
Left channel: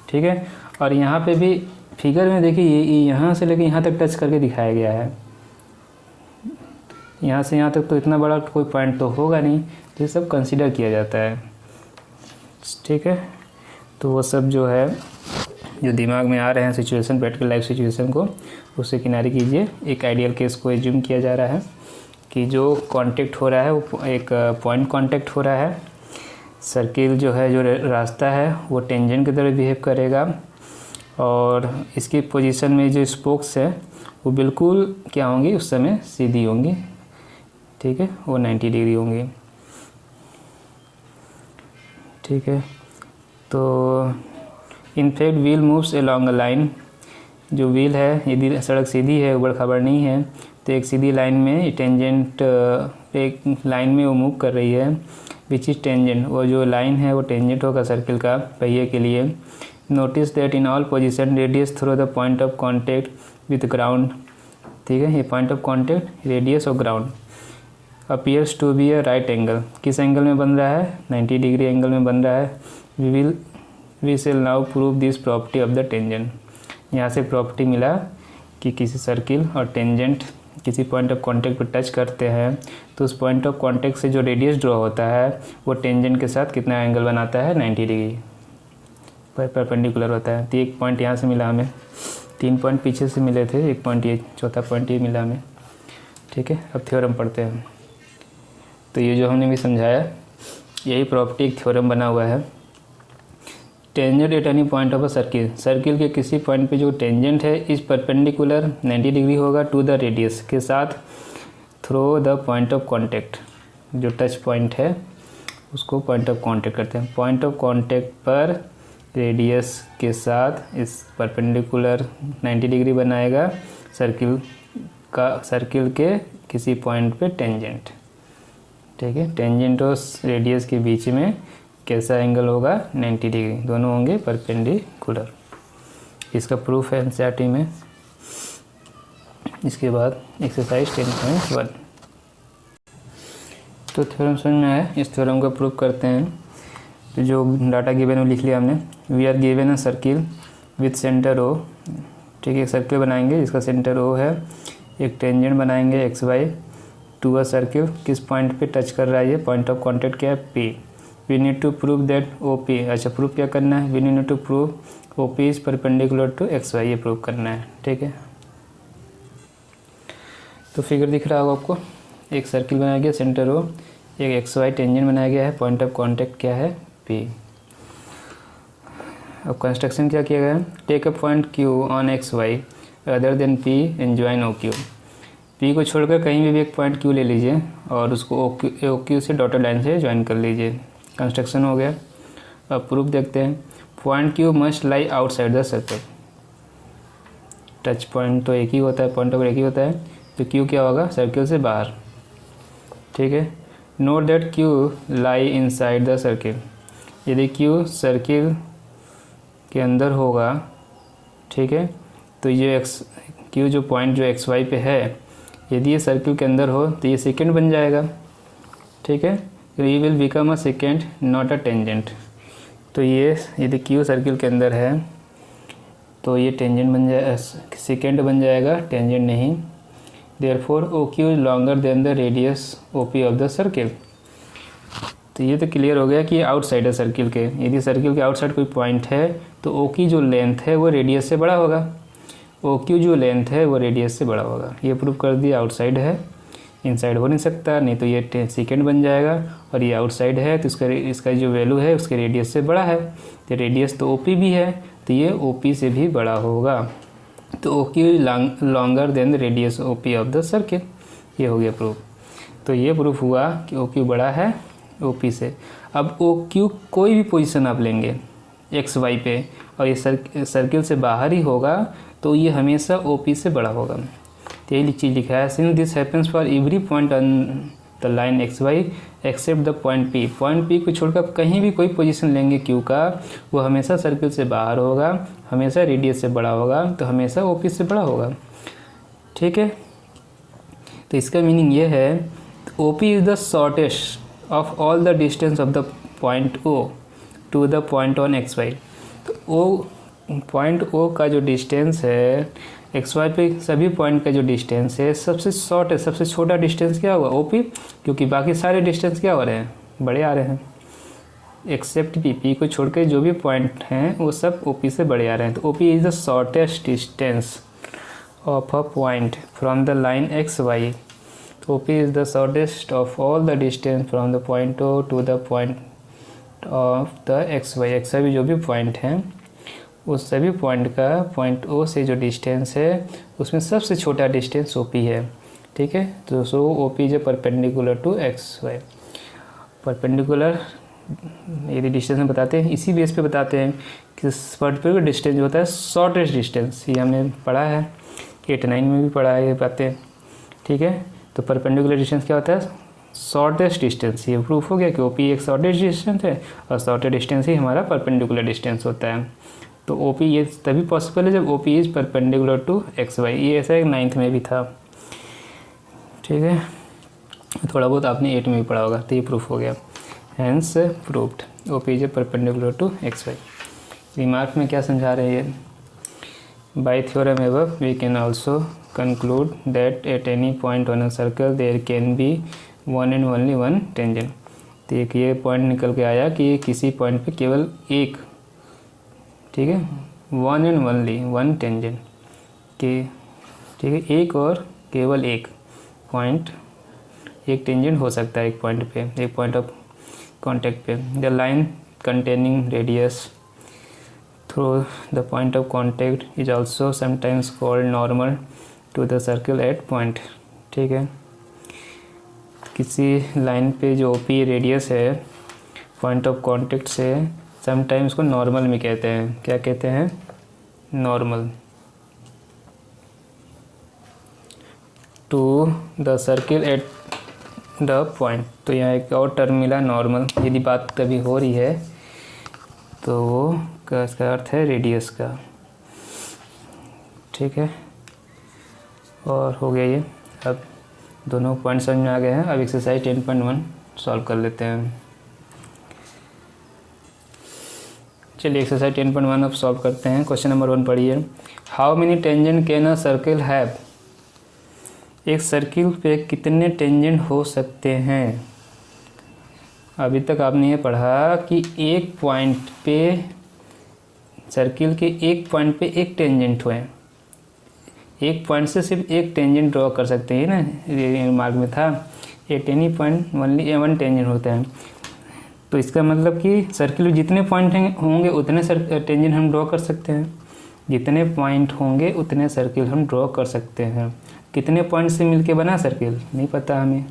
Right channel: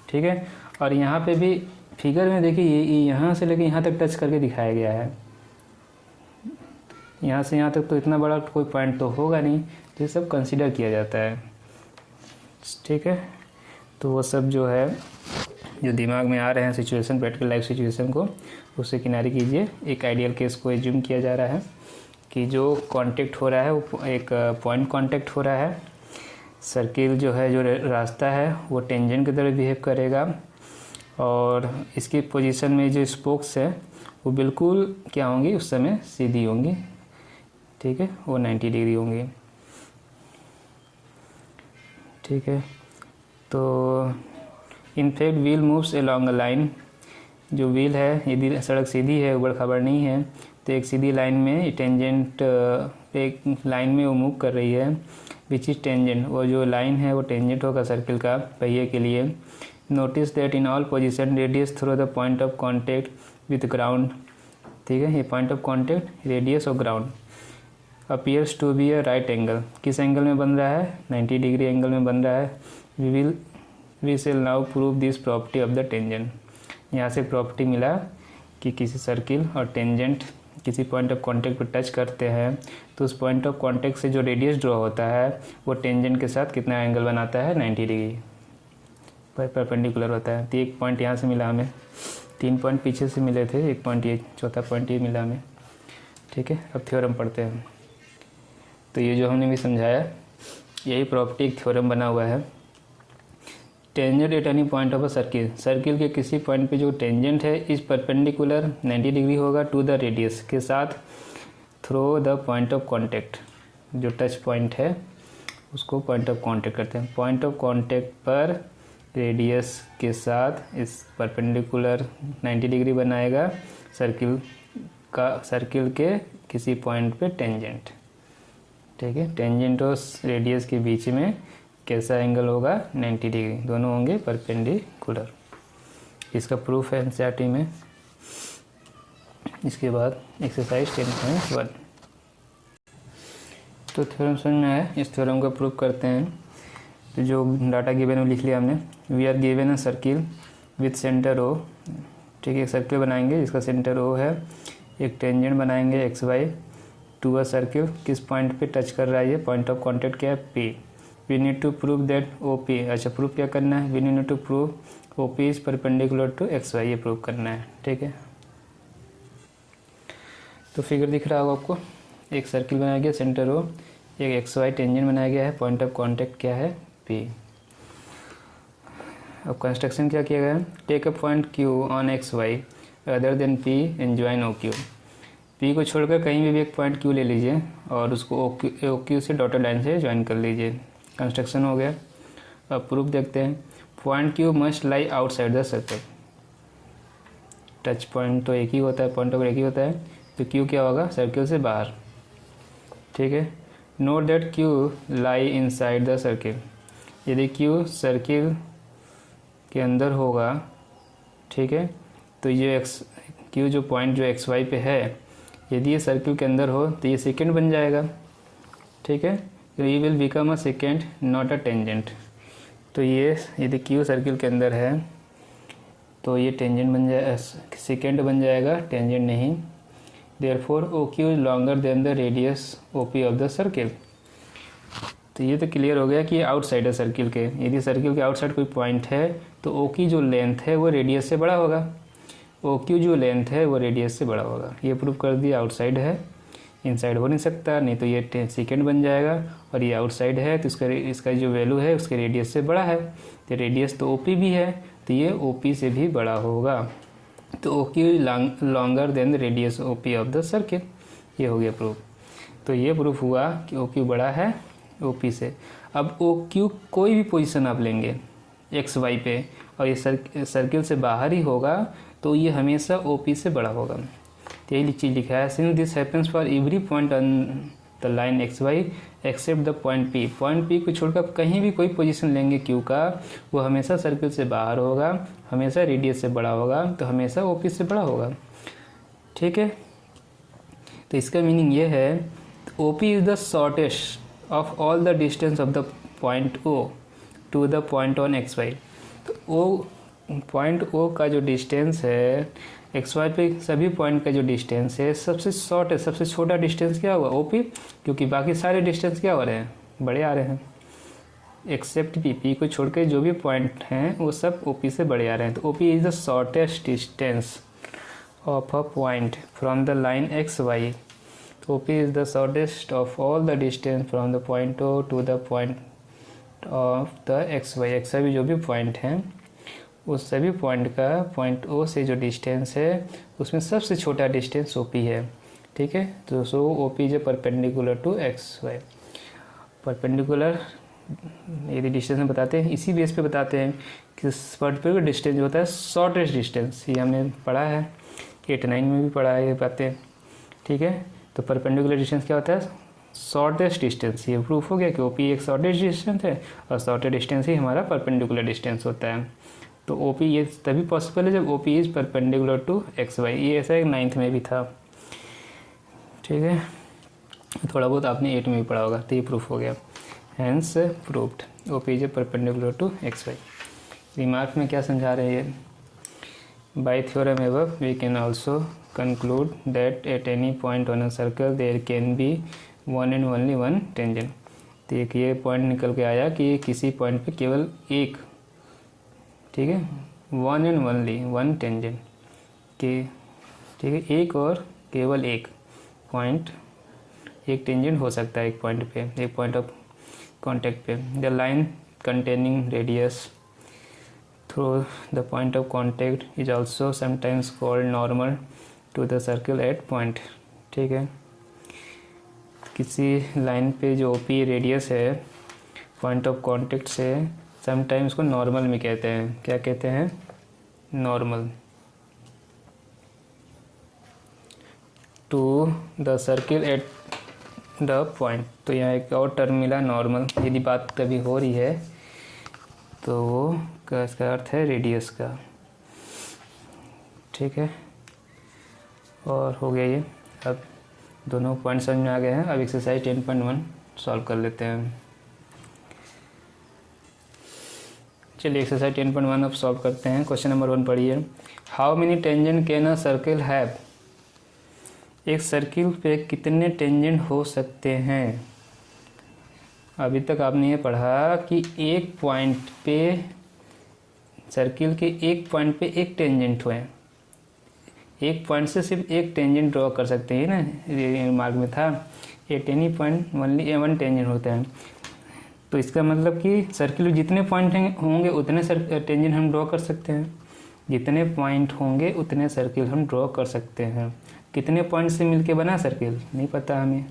ठीक है। और यहाँ पे भी फिगर में देखिए यहाँ से लेकर यहाँ तक टच करके दिखाया गया है, यहाँ से यहाँ तक तो इतना बड़ा कोई पॉइंट तो होगा नहीं, तो ये सब कंसिडर किया जाता है, ठीक है। तो वो सब जो है जो दिमाग में आ रहे हैं सिचुएशन, प्रैक्टिकल लाइफ सिचुएशन को, उससे किनारे कीजिए। एक आइडियल केस को एज्यूम किया जा रहा है कि जो कांटेक्ट हो रहा है वो एक पॉइंट कांटेक्ट हो रहा है, सर्किल जो है, जो रास्ता है वो टेंजेंट की तरह बिहेव करेगा, और इसकी पोजीशन में जो स्पोक्स है वो बिल्कुल क्या होंगी, उस समय सीधी होंगी, ठीक है, वो 90 डिग्री होंगी, ठीक है। तो in fact wheel moves along a line, जो व्हील है, यदि सड़क सीधी है, ऊबड़ खाबड़ नहीं है, तो एक सीधी लाइन में टेंजेंट, एक लाइन में वो मूव कर रही है, विच इज टेंजेंट, वो जो लाइन है वो टेंजेंट होगा सर्किल का पहिए के लिए। Notice that in all position radius through the point of contact with ground, ठीक है, ये पॉइंट ऑफ कॉन्टेक्ट, रेडियस और ground appears to be a right angle, किस एंगल में बन रहा है, 90 डिग्री एंगल में बन रहा है। We shall now prove this property of the tangent, यहाँ से प्रॉपर्टी मिला कि किसी सर्किल और टेंजेंट किसी पॉइंट ऑफ कांटेक्ट पर टच करते हैं तो उस पॉइंट ऑफ कांटेक्ट से जो रेडियस ड्रॉ होता है वो टेंजेंट के साथ कितना एंगल बनाता है, 90 डिग्री परपेंडिकुलर होता है। तो एक पॉइंट यहाँ से मिला हमें, 3 पॉइंट पीछे से मिले थे, एक पॉइंट ये, चौथा पॉइंट ये मिला हमें, ठीक है। अब थ्योरम पढ़ते हैं। तो ये जो हमने भी समझाया, यही प्रॉपर्टी एक थ्योरम बना हुआ है। Tangent at any point of a circle, circle के किसी पॉइंट पे जो टेंजेंट है इस परपेंडिकुलर 90 डिग्री होगा टू द रेडियस के साथ, through the point of contact, जो टच पॉइंट है उसको पॉइंट ऑफ कांटेक्ट करते हैं। पॉइंट ऑफ कांटेक्ट पर रेडियस के साथ इस परपेंडिकुलर 90 डिग्री बनाएगा सर्किल के किसी पॉइंट पे टेंजेंट, ठीक है। टेंजेंट और रेडियस के बीच में कैसा एंगल होगा, 90 डिग्री, दोनों होंगे परपेंडिकुलर। इसका प्रूफ है एनसीईआरटी में। इसके बाद एक्सरसाइज 10.1, तो थ्योरम समझ में आया, इस थ्योरम को प्रूव करते हैं। तो जो डाटा गिवन वो लिख लिया हमने। We are given a circle with centre O, ठीक है, सर्किल बनाएंगे जिसका सेंटर ओ है, एक टेंजेंट बनाएंगे X Y to a circle, किस पॉइंट पे टच कर रहा है ये, पॉइंट ऑफ कॉन्टेक्ट क्या है, P. We need to prove that O P, अच्छा प्रूव क्या करना है, we need to prove O P is perpendicular to X Y, ये प्रूव करना है, ठीक है। तो फिगर दिख रहा होगा आपको, एक सर्किल बनाया गया सेंटर ओ, एक एक्स वाई टेंजेंट बनाया गया है, पॉइंट ऑफ कॉन्टेक्ट क्या है, पी। अब कंस्ट्रक्शन क्या किया गया है, take a point Q on X Y other than P and join O Q. P को छोड़कर कहीं भी एक पॉइंट क्यू ले लीजिए और उसको ओ क्यू से डॉटेड लाइन से ज्वाइन कर लीजिए। कंस्ट्रक्शन हो गया। अब प्रूफ देखते हैं। Point Q must lie outside the circle. Touch point तो एक ही होता है, पॉइंट ऑफ एक ही होता है, तो क्यू क्या होगा, सर्कल से बाहर, ठीक है। Note that Q lie inside the circle. यदि क्यू सर्किल के अंदर होगा, ठीक है, तो ये क्यू जो पॉइंट जो एक्स वाई पे है, यदि ये सर्किल के अंदर हो तो ये सेकेंड बन जाएगा, ठीक है। ये will become a second not a tangent. तो ये यदि क्यू सर्किल के अंदर है तो ये टेंजेंट बन जाए, सेकेंड बन जाएगा, टेंजेंट नहीं। Therefore O Q is longer than the radius O P of the circle. तो ये तो क्लियर हो गया कि आउटसाइड है सर्किल के। यदि सर्किल के आउटसाइड कोई पॉइंट है तो ओ की जो लेंथ है वो रेडियस से बड़ा होगा, ओ क्यू जो लेंथ है वो रेडियस से बड़ा होगा। ये प्रूव कर दिया, आउटसाइड है, इनसाइड हो नहीं सकता, नहीं तो ये सेकेंड बन जाएगा, और ये आउटसाइड है तो इसका जो वैल्यू है उसके रेडियस से बड़ा है, तो रेडियस तो ओ पी भी है तो ये ओ पी से भी बड़ा होगा। तो O Q longer than the radius O P of the circle. ये हो गया प्रूफ। तो ये प्रूफ हुआ कि ओ क्यू बड़ा है ओ पी से। अब ओ क्यू कोई भी पोजीशन आप लेंगे एक्स वाई पे और ये सर्किल से बाहर ही होगा तो ये हमेशा ओ पी से बड़ा होगा। तो यही चीज़ लिखा है, since this happens for every point on the line X Y except the point P. Point P को छोड़कर कहीं भी कोई पोजीशन लेंगे क्यू का, वो हमेशा सर्किल से बाहर होगा, हमेशा रेडियस से बड़ा होगा, तो हमेशा ओ पी से बड़ा होगा, ठीक है। तो इसका मीनिंग ये है, O P is the shortest of all the distance of the point O to the point on X Y. तो ओ पॉइंट ओ का जो डिस्टेंस है एक्स वाई पे सभी पॉइंट का जो डिस्टेंस है सबसे शॉर्ट है, सबसे छोटा डिस्टेंस क्या होगा, ओ पी, क्योंकि बाकी सारे डिस्टेंस क्या हो रहे हैं, बड़े आ रहे हैं, एक्सेप्ट पी। पी को छोड़ के जो भी पॉइंट हैं वो सब ओ पी से बड़े आ रहे हैं। तो O P is the shortest distance of a point from the line X Y. O P is the shortest of all the distance from the point O to the point of the X Y. X Y जो भी point हैं उस सभी point का point ओ से जो distance है उसमें सबसे छोटा डिस्टेंस ओ पी है, ठीक है। तो so O P is perpendicular to X Y. Perpendicular यदि डिस्टेंस में बताते हैं, इसी बेस पे बताते हैं कि पर्टिकुलर डिस्टेंस जो होता है शॉर्टेस्ट डिस्टेंस, ये हमने पढ़ा है 8-9 में भी पढ़ा है ये बातें, ठीक है। तो परपेंडिकुलर डिस्टेंस क्या होता है, शॉर्टेस्ट डिस्टेंस। ये प्रूफ हो गया कि ओ पी एक शॉर्टेस्ट डिस्टेंस है और शॉर्टेस्ट डिस्टेंस ही हमारा परपेंडिकुलर डिस्टेंस होता है। तो ओ पी ये तभी पॉसिबल है जब O P is perpendicular to X Y. ये ऐसा एक 9th में भी था, ठीक है, थोड़ा बहुत आपने 8 में भी पढ़ा होगा। तो ये प्रूफ हो गया, hence proved O P is perpendicular to X Y. Remark में क्या समझा रहे हैं, by theorem above we can also conclude that at any point on a circle there can be one and only one tangent. तो एक ये point निकल के आया कि किसी पॉइंट पे केवल एक, ठीक है, one and only one tangent के, ठीक है, एक और केवल एक पॉइंट, एक टेंजेंट हो सकता है एक पॉइंट पे, एक पॉइंट ऑफ कांटेक्ट पे। The line containing radius through the point of contact is also sometimes called normal to the circle at point, ठीक है। किसी लाइन पे जो ओपी रेडियस है पॉइंट ऑफ कांटेक्ट से, समटाइम्स को नॉर्मल में कहते हैं। क्या कहते हैं, normal to the circle at the point. तो यहाँ एक और टर्म मिला नॉर्मल। यदि बात कभी हो रही है तो वो इसका अर्थ है रेडियस का, ठीक है। और हो गया ये, अब दोनों पॉइंट समझ में आ गए हैं। अब एक्सरसाइज 10.1 सॉल्व कर लेते हैं। चलिए एक्सरसाइज 10.1 अब सॉल्व करते हैं। क्वेश्चन नंबर 1 पढ़िए। How many tangent can a circle have? एक सर्किल पे कितने टेंजेंट हो सकते हैं? अभी तक आपने ये पढ़ा कि एक पॉइंट पे, सर्किल के एक पॉइंट पे एक टेंजेंट हुए। एक पॉइंट से सिर्फ एक टेंजेंट ड्रॉ कर सकते हैं ना, मार्क में था eight any point only one tangent होते हैं। तो इसका मतलब कि सर्किल में जितने पॉइंट होंगे उतने टेंजेंट हम ड्रॉ कर सकते हैं। जितने पॉइंट होंगे उतने सर्किल हम ड्रॉ कर सकते हैं। कितने पॉइंट से मिलके बना सर्किल नहीं पता हमें,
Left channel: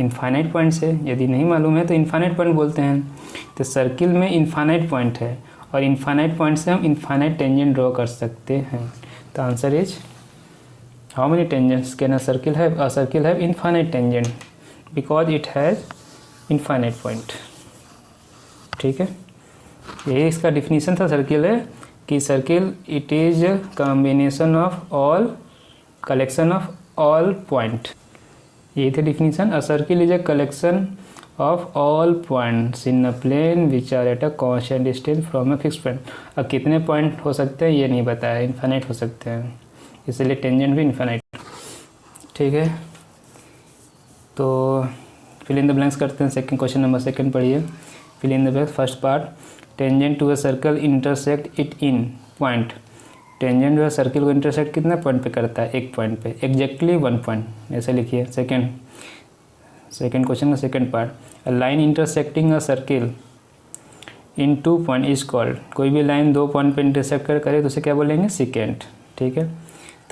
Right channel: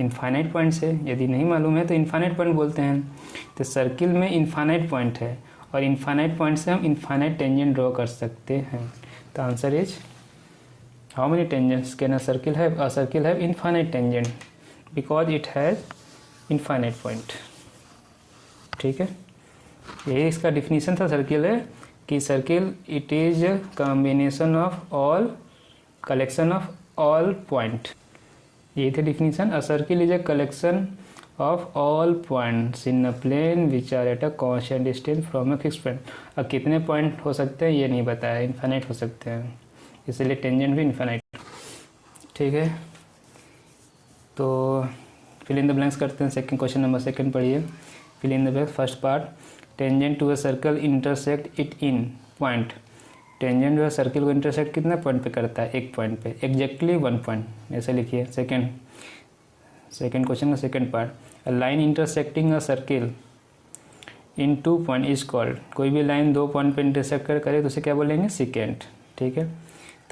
इनफाइनाइट पॉइंट से। यदि नहीं मालूम है तो इनफाइनाइट पॉइंट बोलते हैं। तो सर्किल में इनफाइनाइट पॉइंट है और इनफाइनाइट पॉइंट से हम इनफाइनाइट टेंजेंट ड्रॉ कर सकते हैं। तो answer is how many tangents can a circle have? A circle have infinite tangent because it has infinite point. ठीक है, ये इसका डिफिनीशन था सर्किल है कि circle it is combination of all collection of all point. ये थे definition. A circle is a collection of all points in a plane which are at a constant distance from a fix point. अब कितने point हो सकते हैं ये नहीं बताया, इन्फाइनाइट हो सकते हैं, इसलिए टेंजेंट भी इन्फाइनाइट। ठीक है, तो फिल इन द ब्लैंक्स करते हैं। सेकंड क्वेश्चन नंबर 2 पढ़िए। Fill in the blanks. First part, tangent to a circle intersect it in point. Tangent जो है सर्किल को इंटरसेक्ट कितने पॉइंट पे करता है? एक पॉइंट पे, एग्जैक्टली 1 पॉइंट, ऐसे लिखिए। सेकंड क्वेश्चन का second part, a line intersecting a circle in 2 point is called. कोई भी लाइन 2 पॉइंट पे इंटरसेक्ट करे तो उसे क्या बोलेंगे? सेकेंड। ठीक है।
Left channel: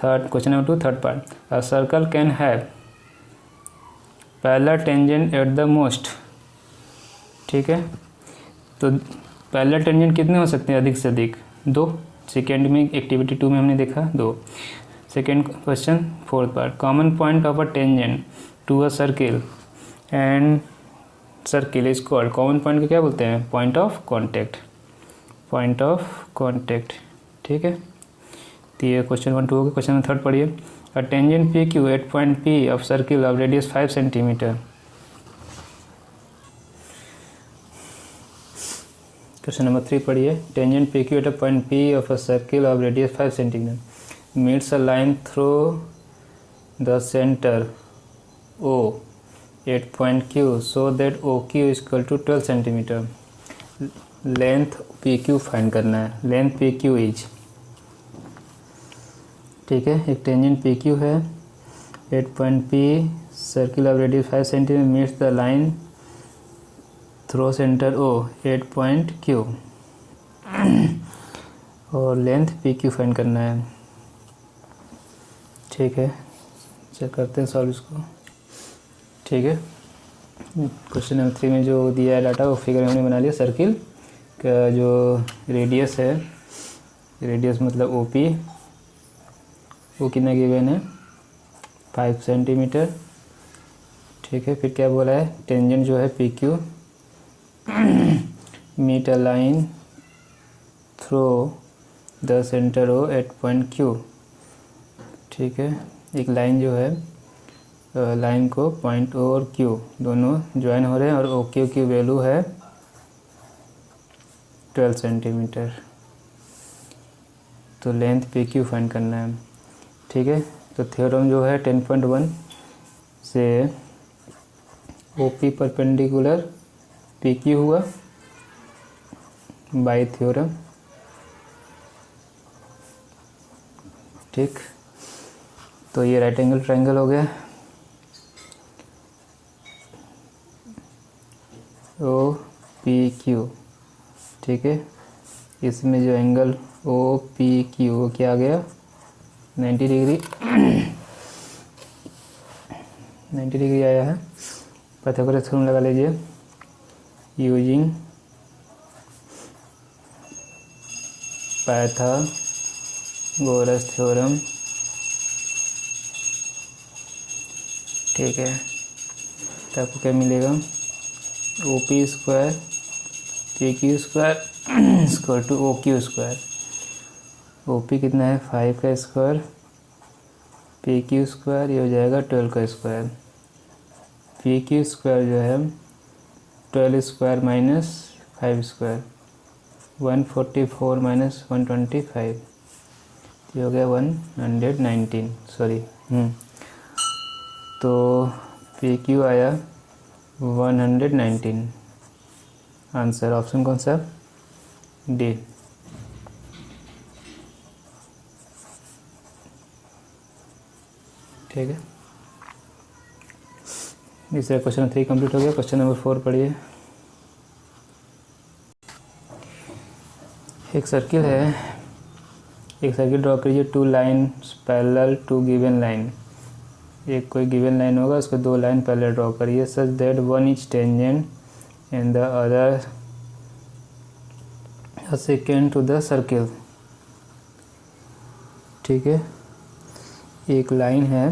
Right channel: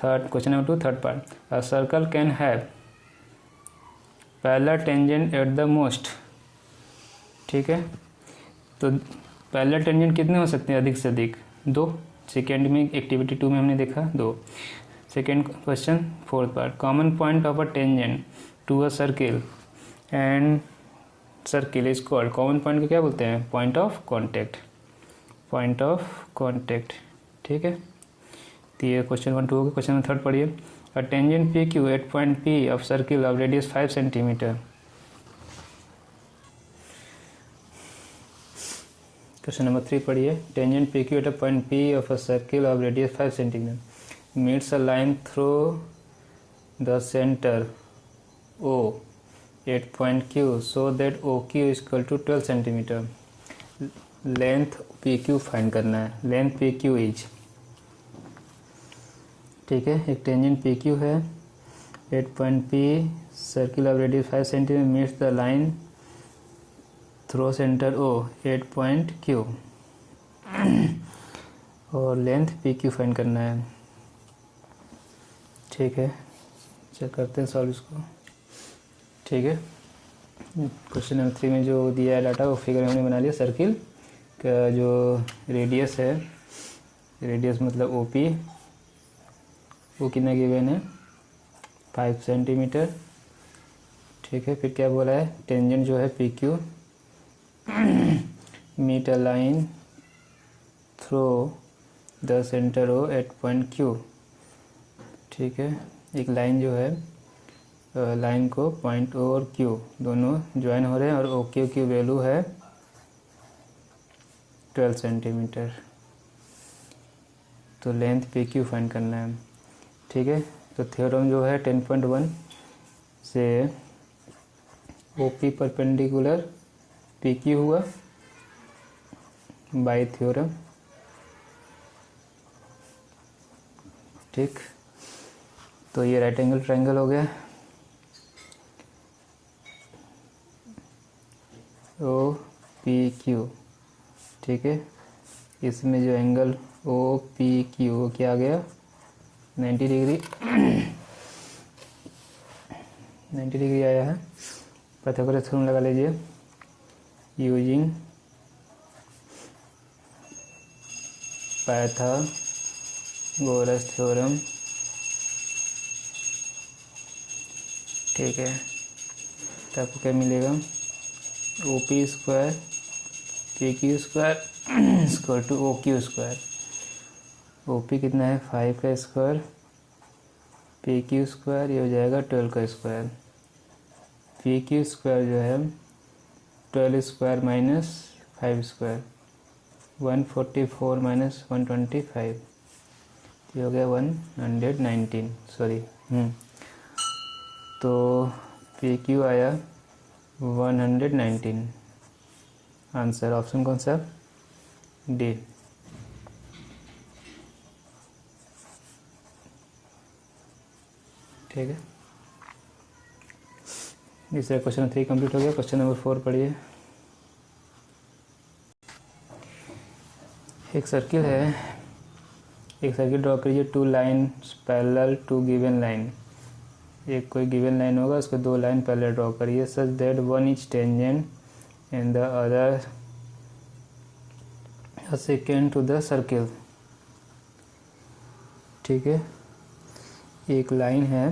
Third question number 2 third part, a circle can have parallel tangent at the most. ठीक है, तो पैरेलल टेंजेंट कितने हो सकते हैं? अधिक से अधिक 2। सेकेंड में एक्टिविटी 2 में हमने देखा 2। Second question fourth part, common point of a tangent to a circle and circle is called. Common point को क्या बोलते हैं? Point of contact. Point of contact. ठीक है, तो ये क्वेश्चन 1 2 हो गया। क्वेश्चन नंबर 3 पढ़िए। A tangent P Q at point P of circle of radius 5 centimetre. Question number 3 पढ़िए। Tangent P Q at a point P of a circle of radius 5 centimetre meets a line through the centre O at point Q so that O Q is equal to 12 centimetre. Length P Q find करना है। Length P Q is, ठीक है, एक tangent P Q है, at point P, circle of radius 5 centimetre meets the line through centre O at point Q और length P Q find करना है। ठीक है, चेक करते हैं सॉल्व इसको। ठीक है, क्वेश्चन नंबर 3 में जो दिया है डाटा वो फिगर हमने बना लिया। सर्किल का जो रेडियस है, रेडियस मतलब ओ पी, वो कितना गिवन है? 5 सेंटीमीटर। ठीक है, फिर क्या बोला है? टेंजेंट जो है P Q meet a line through the centre O at point Q. ठीक है, एक लाइन जो है, लाइन को पॉइंट ओ और क्यू दोनों ज्वाइन हो रहे हैं और ओ क्यू की वैल्यू है 12 सेंटीमीटर। तो लेंथ पी क्यू फाइंड करना है। ठीक है, तो थ्योरम जो है 10.1 से O P perpendicular P Q हुआ बाई थ्योरम। ठीक, तो ये राइट एंगल ट्रायंगल हो गया। ओ पी क्यू, ठीक है, इसमें जो एंगल ओ पी क्यू वो क्या आ गया? 90 डिग्री 90 डिग्री आया है। पाइथागोरस थ्योरम लगा लीजिए। Using Pythagoras theorem. ठीक है, तो आपको क्या मिलेगा? O P square P Q square square to O Q square. O P कितना है? 5 का स्क्वायर, पी क्यू स्क्वायर ये हो जाएगा 12 का स्क्वायर। पी क्यू स्क्वायर जो है 12 स्क्वायर माइनस 5 स्क्वायर, 144 माइनस 125, ये हो गया 119, सॉरी। तो पी क्यू आया 119। आंसर ऑप्शन कौन सा? डी। ठीक है, इससे क्वेश्चन 3 कंप्लीट हो गया। क्वेश्चन नंबर 4 पढ़िए। एक सर्किल है, एक सर्किल ड्रॉ कीजिए, 2 lines parallel to given line. एक कोई गिवन लाइन होगा, उसको 2 लाइन पैरेलल ड्रॉ करिए, such that one is tangent and the other second to the circle. ठीक है, एक लाइन है,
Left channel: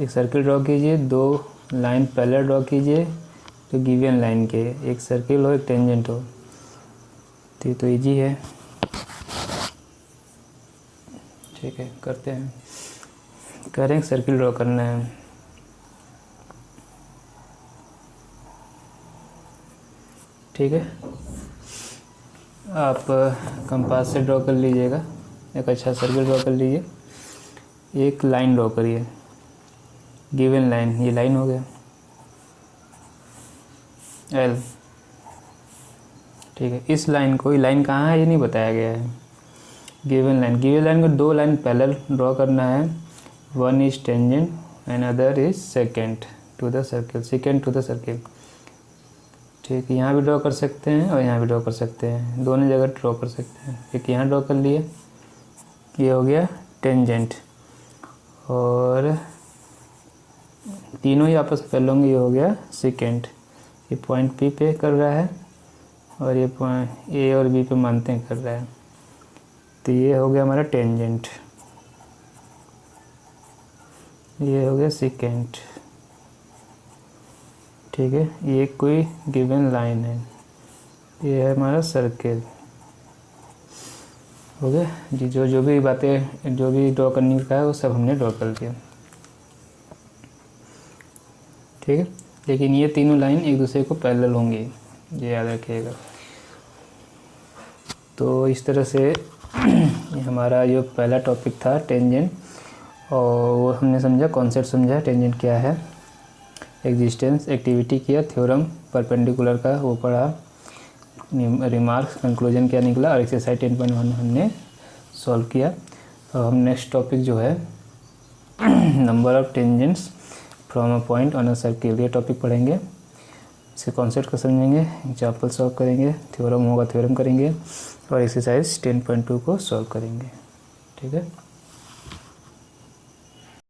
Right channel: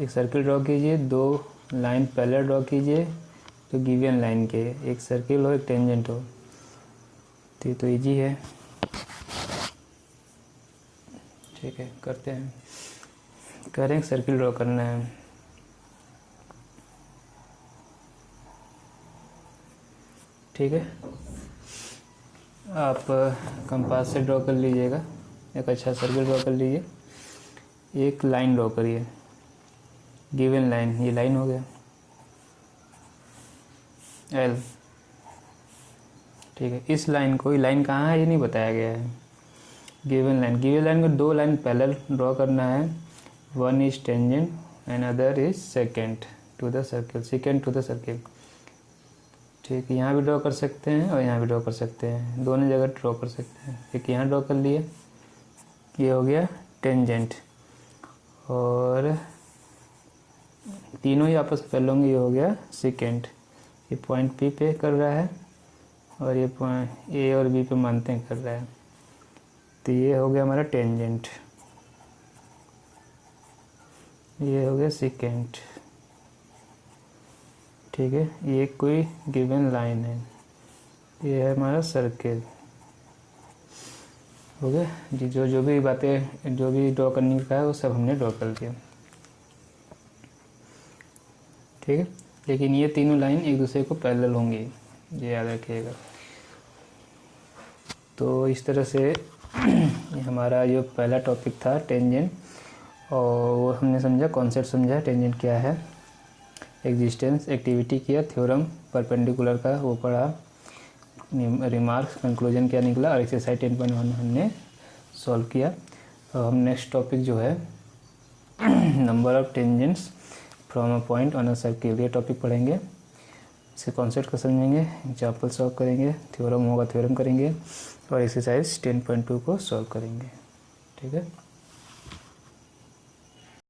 एक सर्किल ड्रॉ कीजिए, 2 लाइन पैरेलल ड्रॉ कीजिए तो गिवन लाइन के, एक सर्किल हो एक टेंजेंट हो। तो ये तो इजी है। ठीक है, करते हैं। करें, सर्किल ड्रॉ करना है। ठीक है, आप कंपास से ड्रॉ कर लीजिएगा, एक अच्छा सर्किल ड्रॉ कर लीजिए। एक लाइन ड्रॉ करिए, गिवन लाइन, ये लाइन हो गया एल। ठीक है, इस लाइन को, ये लाइन कहाँ है ये नहीं बताया गया है। गिवन लाइन को 2 लाइन पैरेलल ड्रॉ करना है, one is tangent and other is second to the circle, second to the circle. ठीक है, यहाँ भी ड्रॉ कर सकते हैं और यहाँ भी ड्रॉ कर सकते हैं, दोनों जगह ड्रॉ कर सकते हैं। एक यहाँ ड्रॉ कर लिए, ये हो गया टेंजेंट, और तीनों ही आपस में कर लूँगे, ये हो गया सेकेंड। ये पॉइंट पी पे कर रहा है और ये पॉइंट ए और बी पे मानते हैं कर रहा है, तो ये हो गया हमारा टेंजेंट, ये हो गया सेकेंड। ठीक है, ये कोई गिवन लाइन है, ये है हमारा सर्किल। हो गया जी, जो भी बातें, जो भी ड्रॉ करने का है वो सब हमने ड्रॉ कर दिया। ठीक है, लेकिन ये तीनों लाइन एक दूसरे को पैरेलल होंगी, ये याद रखिएगा। तो इस तरह से ये हमारा जो पहला टॉपिक था टेंजेंट, और वो हमने समझा, कॉन्सेप्ट समझा टेंजेंट क्या है, एग्जिस्टेंस, एक्टिविटी किया, थ्योरम परपेंडिकुलर का वो पढ़ा, रिमार्क्स, कंक्लूजन क्या निकला, और एक्सरसाइज 10.1 हमने सॉल्व किया। और हम नेक्स्ट टॉपिक जो है number of tangents from a point on a circle, ये टॉपिक पढ़ेंगे। इसके कॉन्सेप्ट को समझेंगे, एग्जाम्पल सॉल्व करेंगे, थ्योरम होगा थ्योरम करेंगे, और एक्सरसाइज 10.2 को सॉल्व करेंगे। ठीक है।